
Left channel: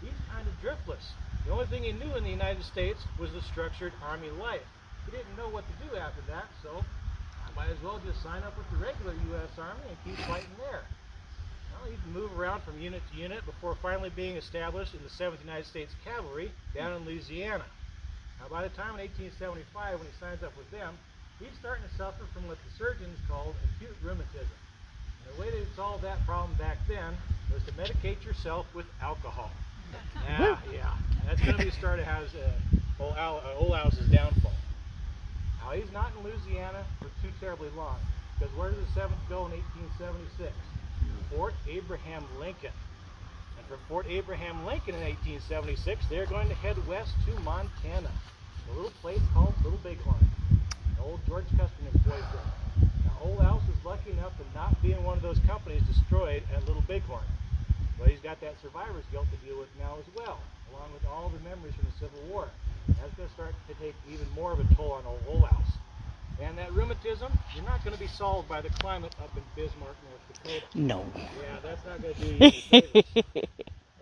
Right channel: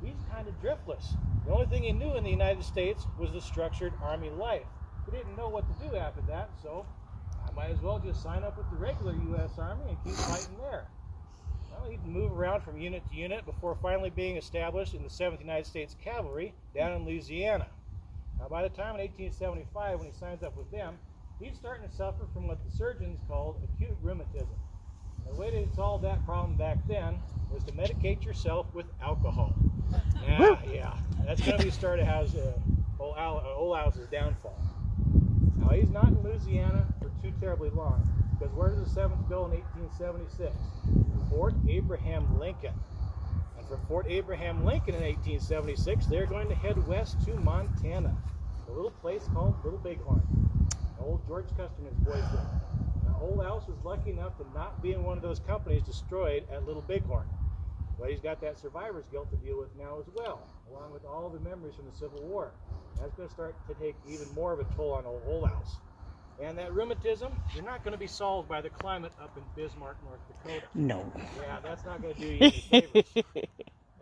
he's kind of driftless. The only thing he knew in the United States was the structured Army life. He didn't know what to do after that, so I might as well just sign up with the regular U.S. Army and keep fighting there. Well, he'd move around from unit to unit before finally being established in the 7th United States Cavalry down in Louisiana. Now, by the time in 1875, when he signs up with them, he's starting to suffer from what the surgeons called acute rheumatism. And the way to solve that problem back then was to medicate yourself with alcohol. Yeah, that's going to be the start of Olaus's downfall. Now, he's not in Louisiana for too terribly long, because where does the 7th go in 1876? Fort Abraham Lincoln. And from Fort Abraham Lincoln in 1876, they're going to head west to Montana, a little place called Little Bighorn. Old George Custer employs it. Now, Old House is lucky enough to not be in one of those companies destroyed at Little Bighorn. But he's got that survivor's guilt to deal with now as well, along with all the memories from the Civil War. That's going to start to take even more of a toll on Old House. And that rheumatism, you're not going to be solved by the climate up in Bismarck, North Dakota. No. Yeah, that's not going to do you any favors.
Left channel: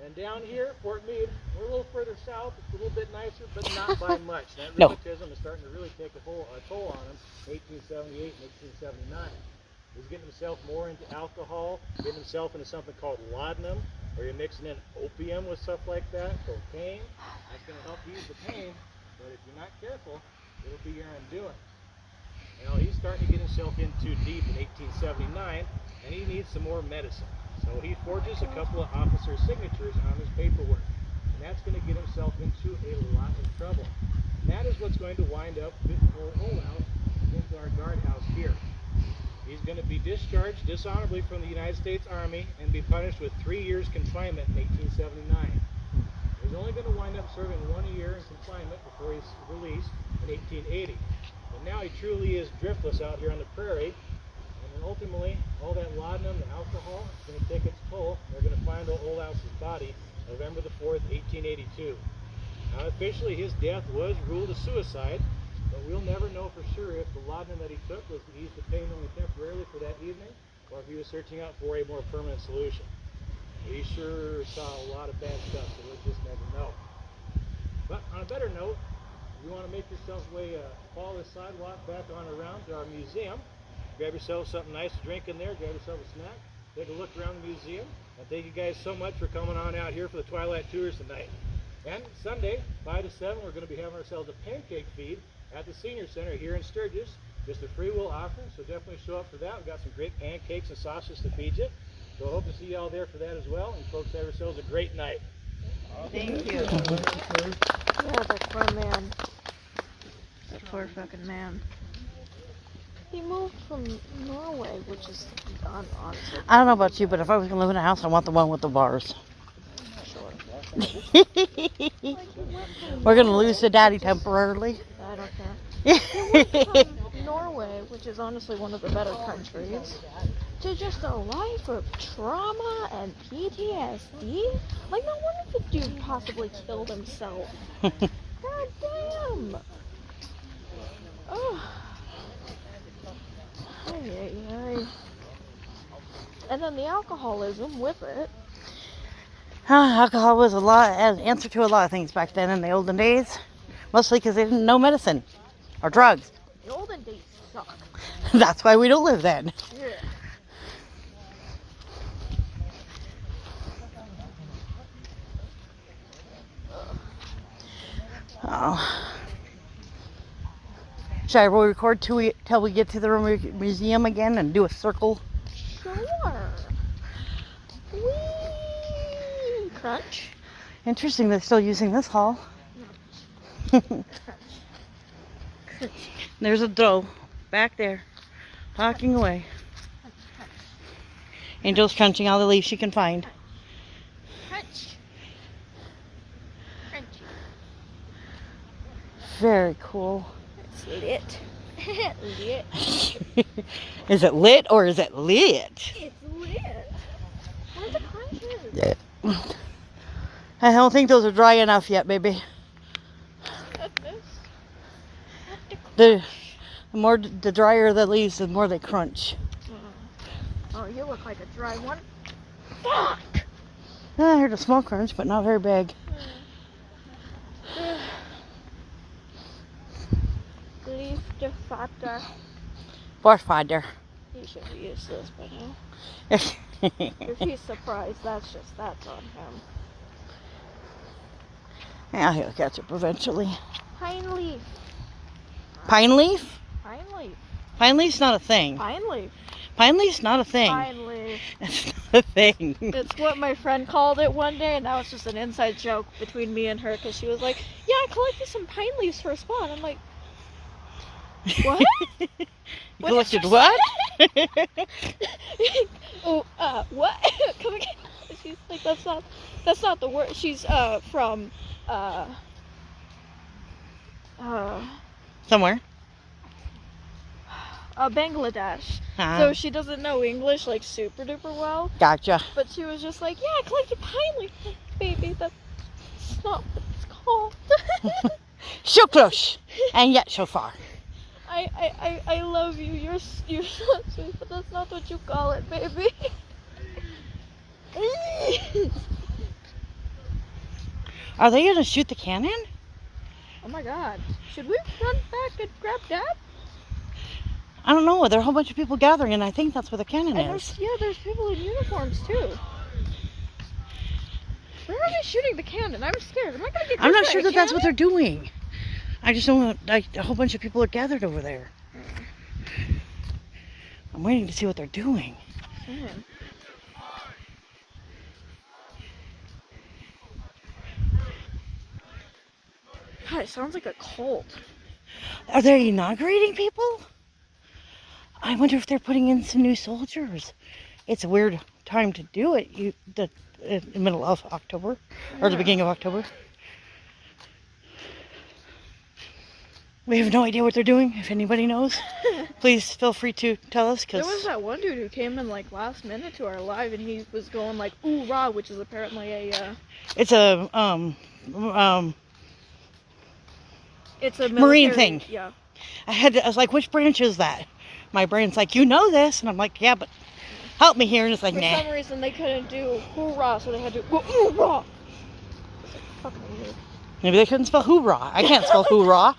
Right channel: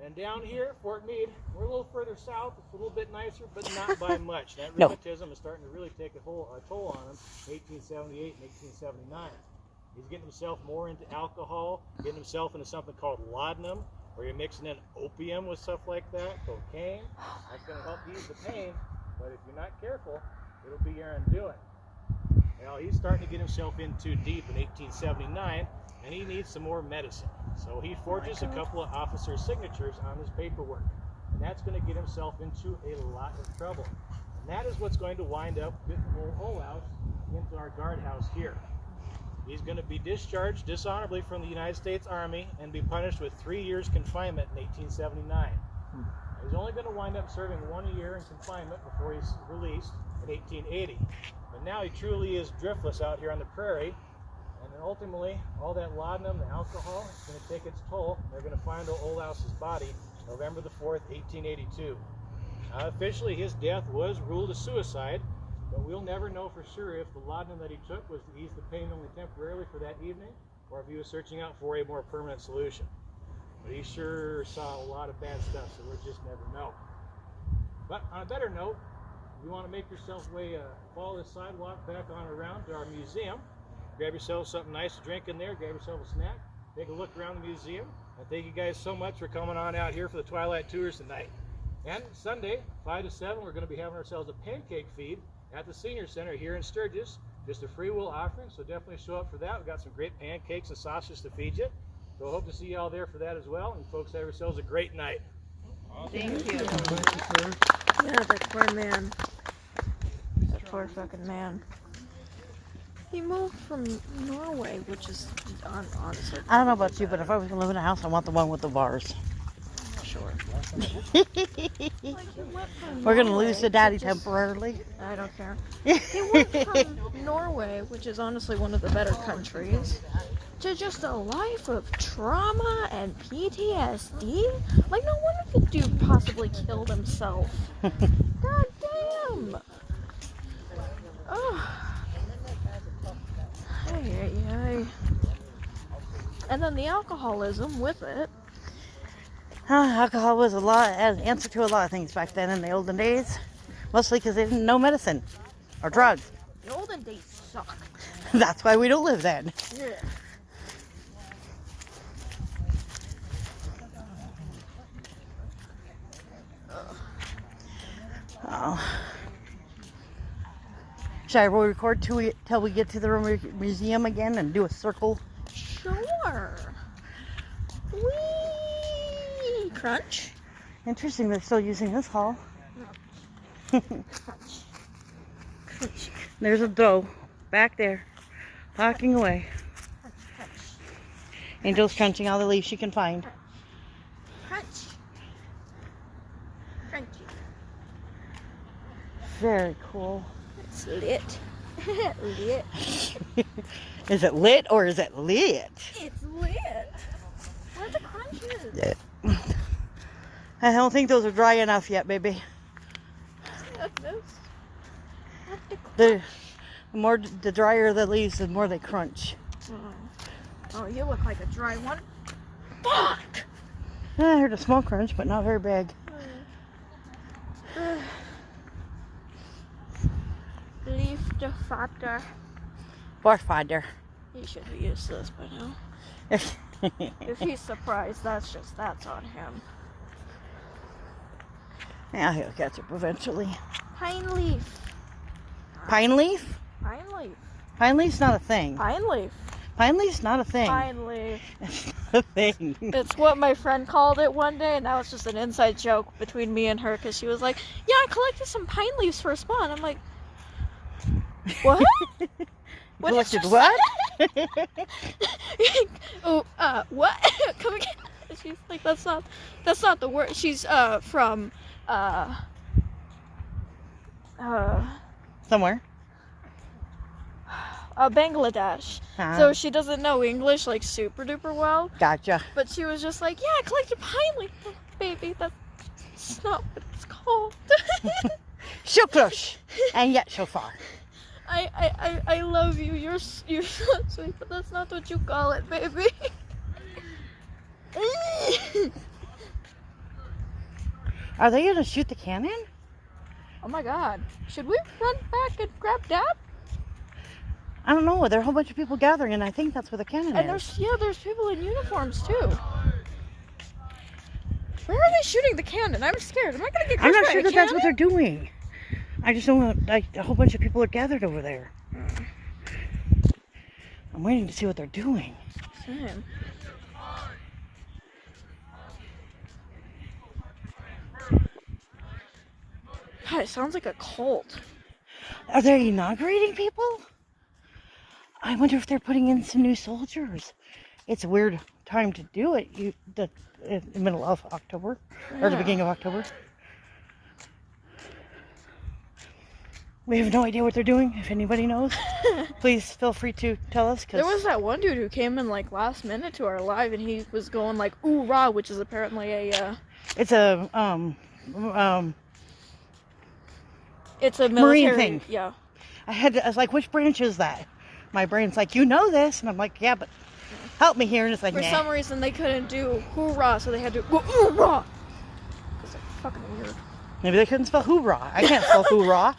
And down here, Fort Meade, we're a little further south. It's a little bit nicer, but not by much. That No. rheumatism is starting to really take a toll on him in 1878 and 1879. He's getting himself more into alcohol, getting himself into something called laudanum, where you're mixing in opium with stuff like that, cocaine. That's going to help ease the pain, but if you're not careful, it'll be your undoing. Well, he's starting to get himself in too deep in 1879, and he needs some more medicine. So he forges a couple of officers' signatures on his paperwork, and that's going to get himself into a lot of trouble. And that is what's going to wind up with Old House into our guardhouse here. He's going to be discharged dishonorably from the United States Army and be punished with 3 years confinement in 1879. He's only going to wind up serving 1 year in confinement before he's released in 1880. But now he truly is driftless out here on the prairie, and then ultimately all that laudanum, the alcohol, is going to take its toll. They're going to find Old House's body November the 4th, 1882. Now, officially his death was ruled a suicide, but we'll never know for sure if the laudanum that he took was to ease the pain only temporarily for that evening, or if he was searching out for a more permanent solution. But he sure saw a lot of bad stuff, so we'll just never know. But on a better note, if you want to make yourself follow the sidewalk back on around to our museum, grab yourself something nice to drink in there, grab yourself a snack, take a look around the museum, and thank you guys so much for coming on out here for the Twilight Tours tonight. And Sunday, 5 to 7, we're going to be having ourselves a pancake feed at the Senior Center here in Sturgis. Just a free will offering, so definitely show up for that. We've got some great pancakes and sausages to feed you. So I hope to see you all there for that as well. And folks, have yourselves a great night. Thank you. Yeah, that poor man. That poor fucking man. He moved from Norway, which is on I don't know about you, but if I was going to live in a house, I want the one with the bars. Sure. We're going to lose the daddy temporarily. I don't care. He went from Norway, which is honestly one of the better countries, to just a life of trauma and PTSD. Like, no wonder the dude possibly killed himself. God damn. Oh. Ay. And then the alcoholism with it. Alcohol was an answer to a lot of things back then in the olden days. Mostly because there didn't no medicine or drugs. The olden days suck. That's why we don't live then. Yeah. Oh. Should I record till we get to the museum again and do a circle? Sure. Whee! Crunch. Interesting, they're still using this hall. There's a doe back there, talking away. Angel's crunching all the leaves she can find. Crunch. Crunchy. Very cool. It's lit. Lit. Is it lit or is it lit? It's lit. Where's the crunch? I don't think those are dry enough yet, baby. The drier the leaves, the more they crunch. Oh, you look like a dry one. Fuck! I heard a small crunch, but not very big. Leaf defactor. What father? He should be used to this by now. If he's surprised, that's on him. Yeah, he'll catch up eventually. Pine leaf. Pine leaf? Pine leaf. Pine leaf's not a thing. Pine leaf. Pine leaf's not a thing. Pine leaf. It's not a thing. It's what my friend called it one day, and that was just an inside joke between me and her, because she was like, yeah, I collected some pine leaves for a spawn. I'm like, What? You What did collected you what? Oh, what? Come again? She's like, that's not the word. She's from Somewhere. Bangladesh. Ah. So she doesn't know English like super duper well. Gotcha. But she was just like, yeah, I collected pine leaf, baby. That's not what it's called. So close, and yet so far. I love you. You're so sweet, but that's not what you call it, baby. Are they gonna shoot the cannon? Oh my God! Should we run back and grab Dad? I don't know. There are a whole bunch of people gathering, and I think that's where the cannon And is. there's people in uniforms too. Where are they shooting the cannon? I'm scared. Am I gonna get? I'm not hit by sure a that that's what cannon? they're doing. I just don't know. Like, a whole bunch of people are gathered over there. I'm waiting to see what they're doing. Man. God, it sounds like a cult. Are they inaugurating people? I wonder if they're putting in some new soldiers. It's a weird time to do it. The middle of October, or the beginning of October. We have no idea what they're doing. If anybody knows, please feel free to tell us. There was that one dude who came in like last minute to our live, and he was going like "ooh rah," which is apparently a. It's a It's a Marine military, thing. Yeah. I was like, which branch is that? My brain's like, you know this, and I'm like, yeah, but help me here, and it's like, For nah. some reason, they couldn't do hoorah, so they had to go hoorah. It's like fucking weird. Maybe they couldn't spell hoorah. I can't spell hoorah.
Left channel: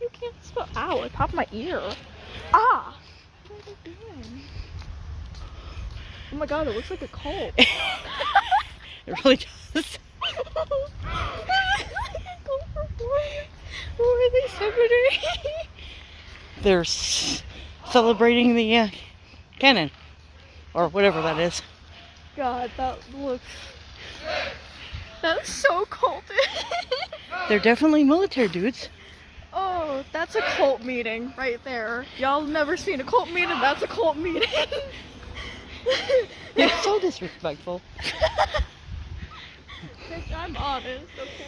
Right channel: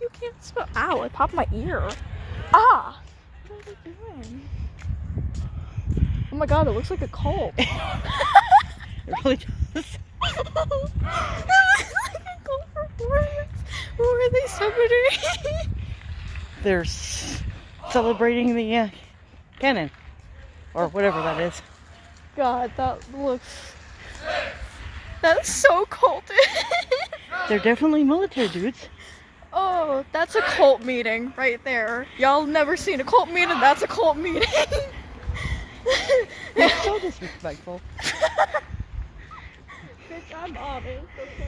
You can't spell. Ow! I popped my ear. Ah. What are they doing? Oh my God! It looks like a cult. It really does. Who are they celebrating? They're celebrating the cannon, or whatever that is. God, that's so cultish. They're definitely military dudes. Oh, that's a cult meeting right there. Y'all never seen a cult meeting? That's a cult meeting. They're so disrespectful. Bitch, I'm honest, okay?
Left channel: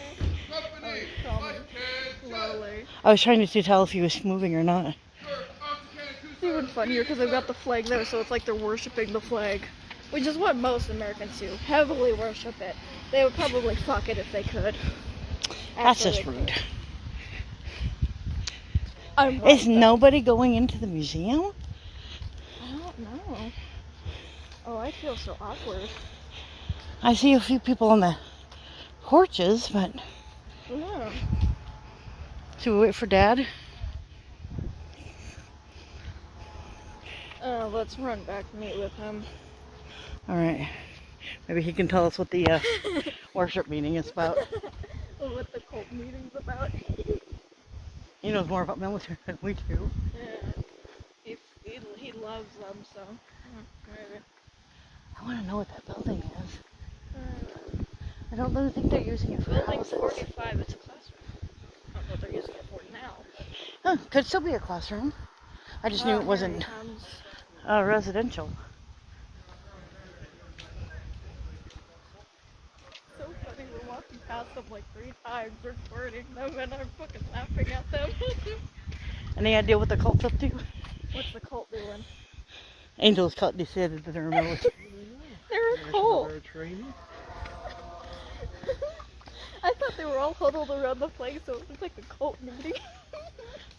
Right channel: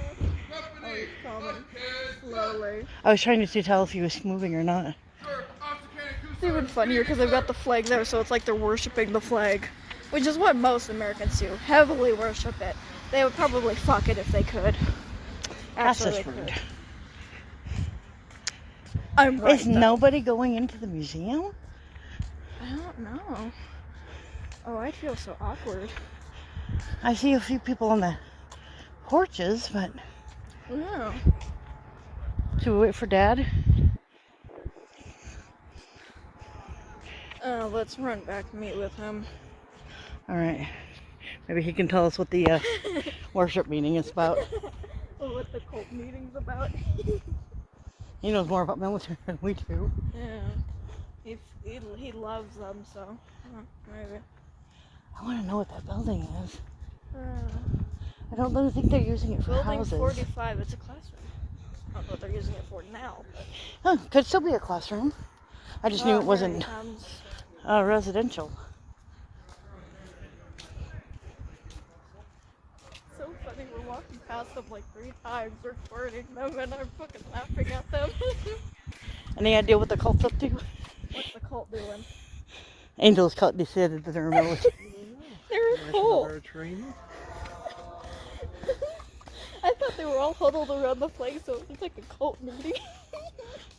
Oh, you're coming slowly. I was trying to tell if he was moving or not. It's even funnier because they've got the flag there, so it's like they're worshiping the flag. Which is what most Americans do. Heavily worship it. They would probably fuck it if they could. That's just Absolutely rude. could. I'm right, Is though. nobody going into the museum? I don't know. Oh, I feel so awkward. I see a few people on the porches, but Yeah. should we wait for Dad? Let's run back and meet with him. All right. Maybe he can tell us what the worship meeting is about. Or what the cult meeting's about. He knows more about military than we do. Yeah. He loves them, so maybe. I want to know what that building is. I don't really think they're using it for Building houses. 45, it's a classroom. I don't know what they're using it for now. Oh, could still be a classroom. I just knew it wasn't residential. So funny, we're walking past them like 3 times, recording them, and I'm fucking laughing at them. Any idea what the cult's up to? What's the cult doing? Angels cult decided that they're military. They're a cult. Training. I thought they were all huddled around the flag, so it was like a cult meeting.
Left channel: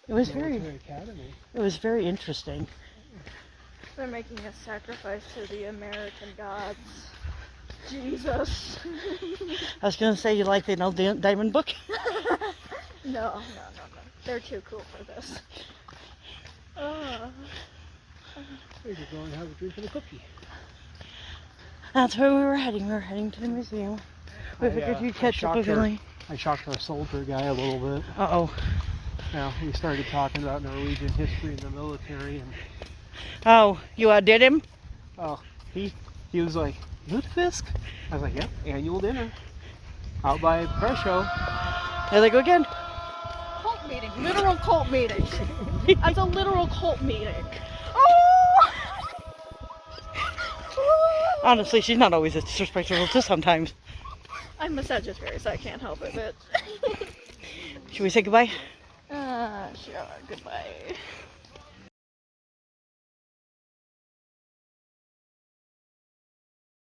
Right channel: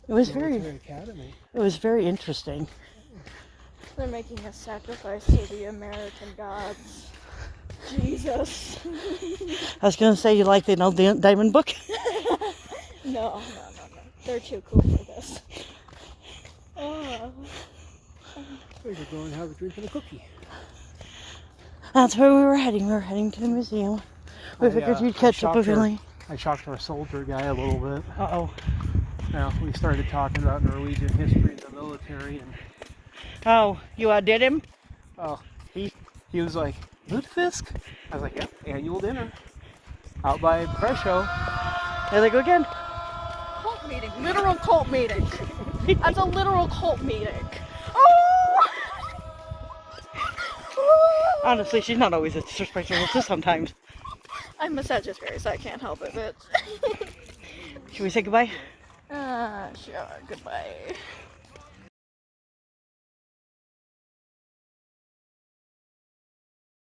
It was Academy. It was very interesting. They're making a sacrifice to the American gods. Jesus. I was gonna say, you like the old Diamond Book? No. They're too cool for this. Oh. We're going to have a drink and a cookie. That's where we were heading. We were heading to the museum. We figured you'd catch up with me. I shocked our soldier guy a little bit. Uh-oh. Now, we started talking about Norwegian history and the military, and Oh, you outdid him? oh, he was like, Lutefisk? I was like, yep, annual dinner. Out by Presho. There they go again. Cult meeting. Literal cult meeting. That's a literal cult meeting. Oh! Honestly, she's not always as disrespectful to sometimes. I'm a Sagittarius, I can't help it, bitch. Should we say goodbye? Sure, goodbye.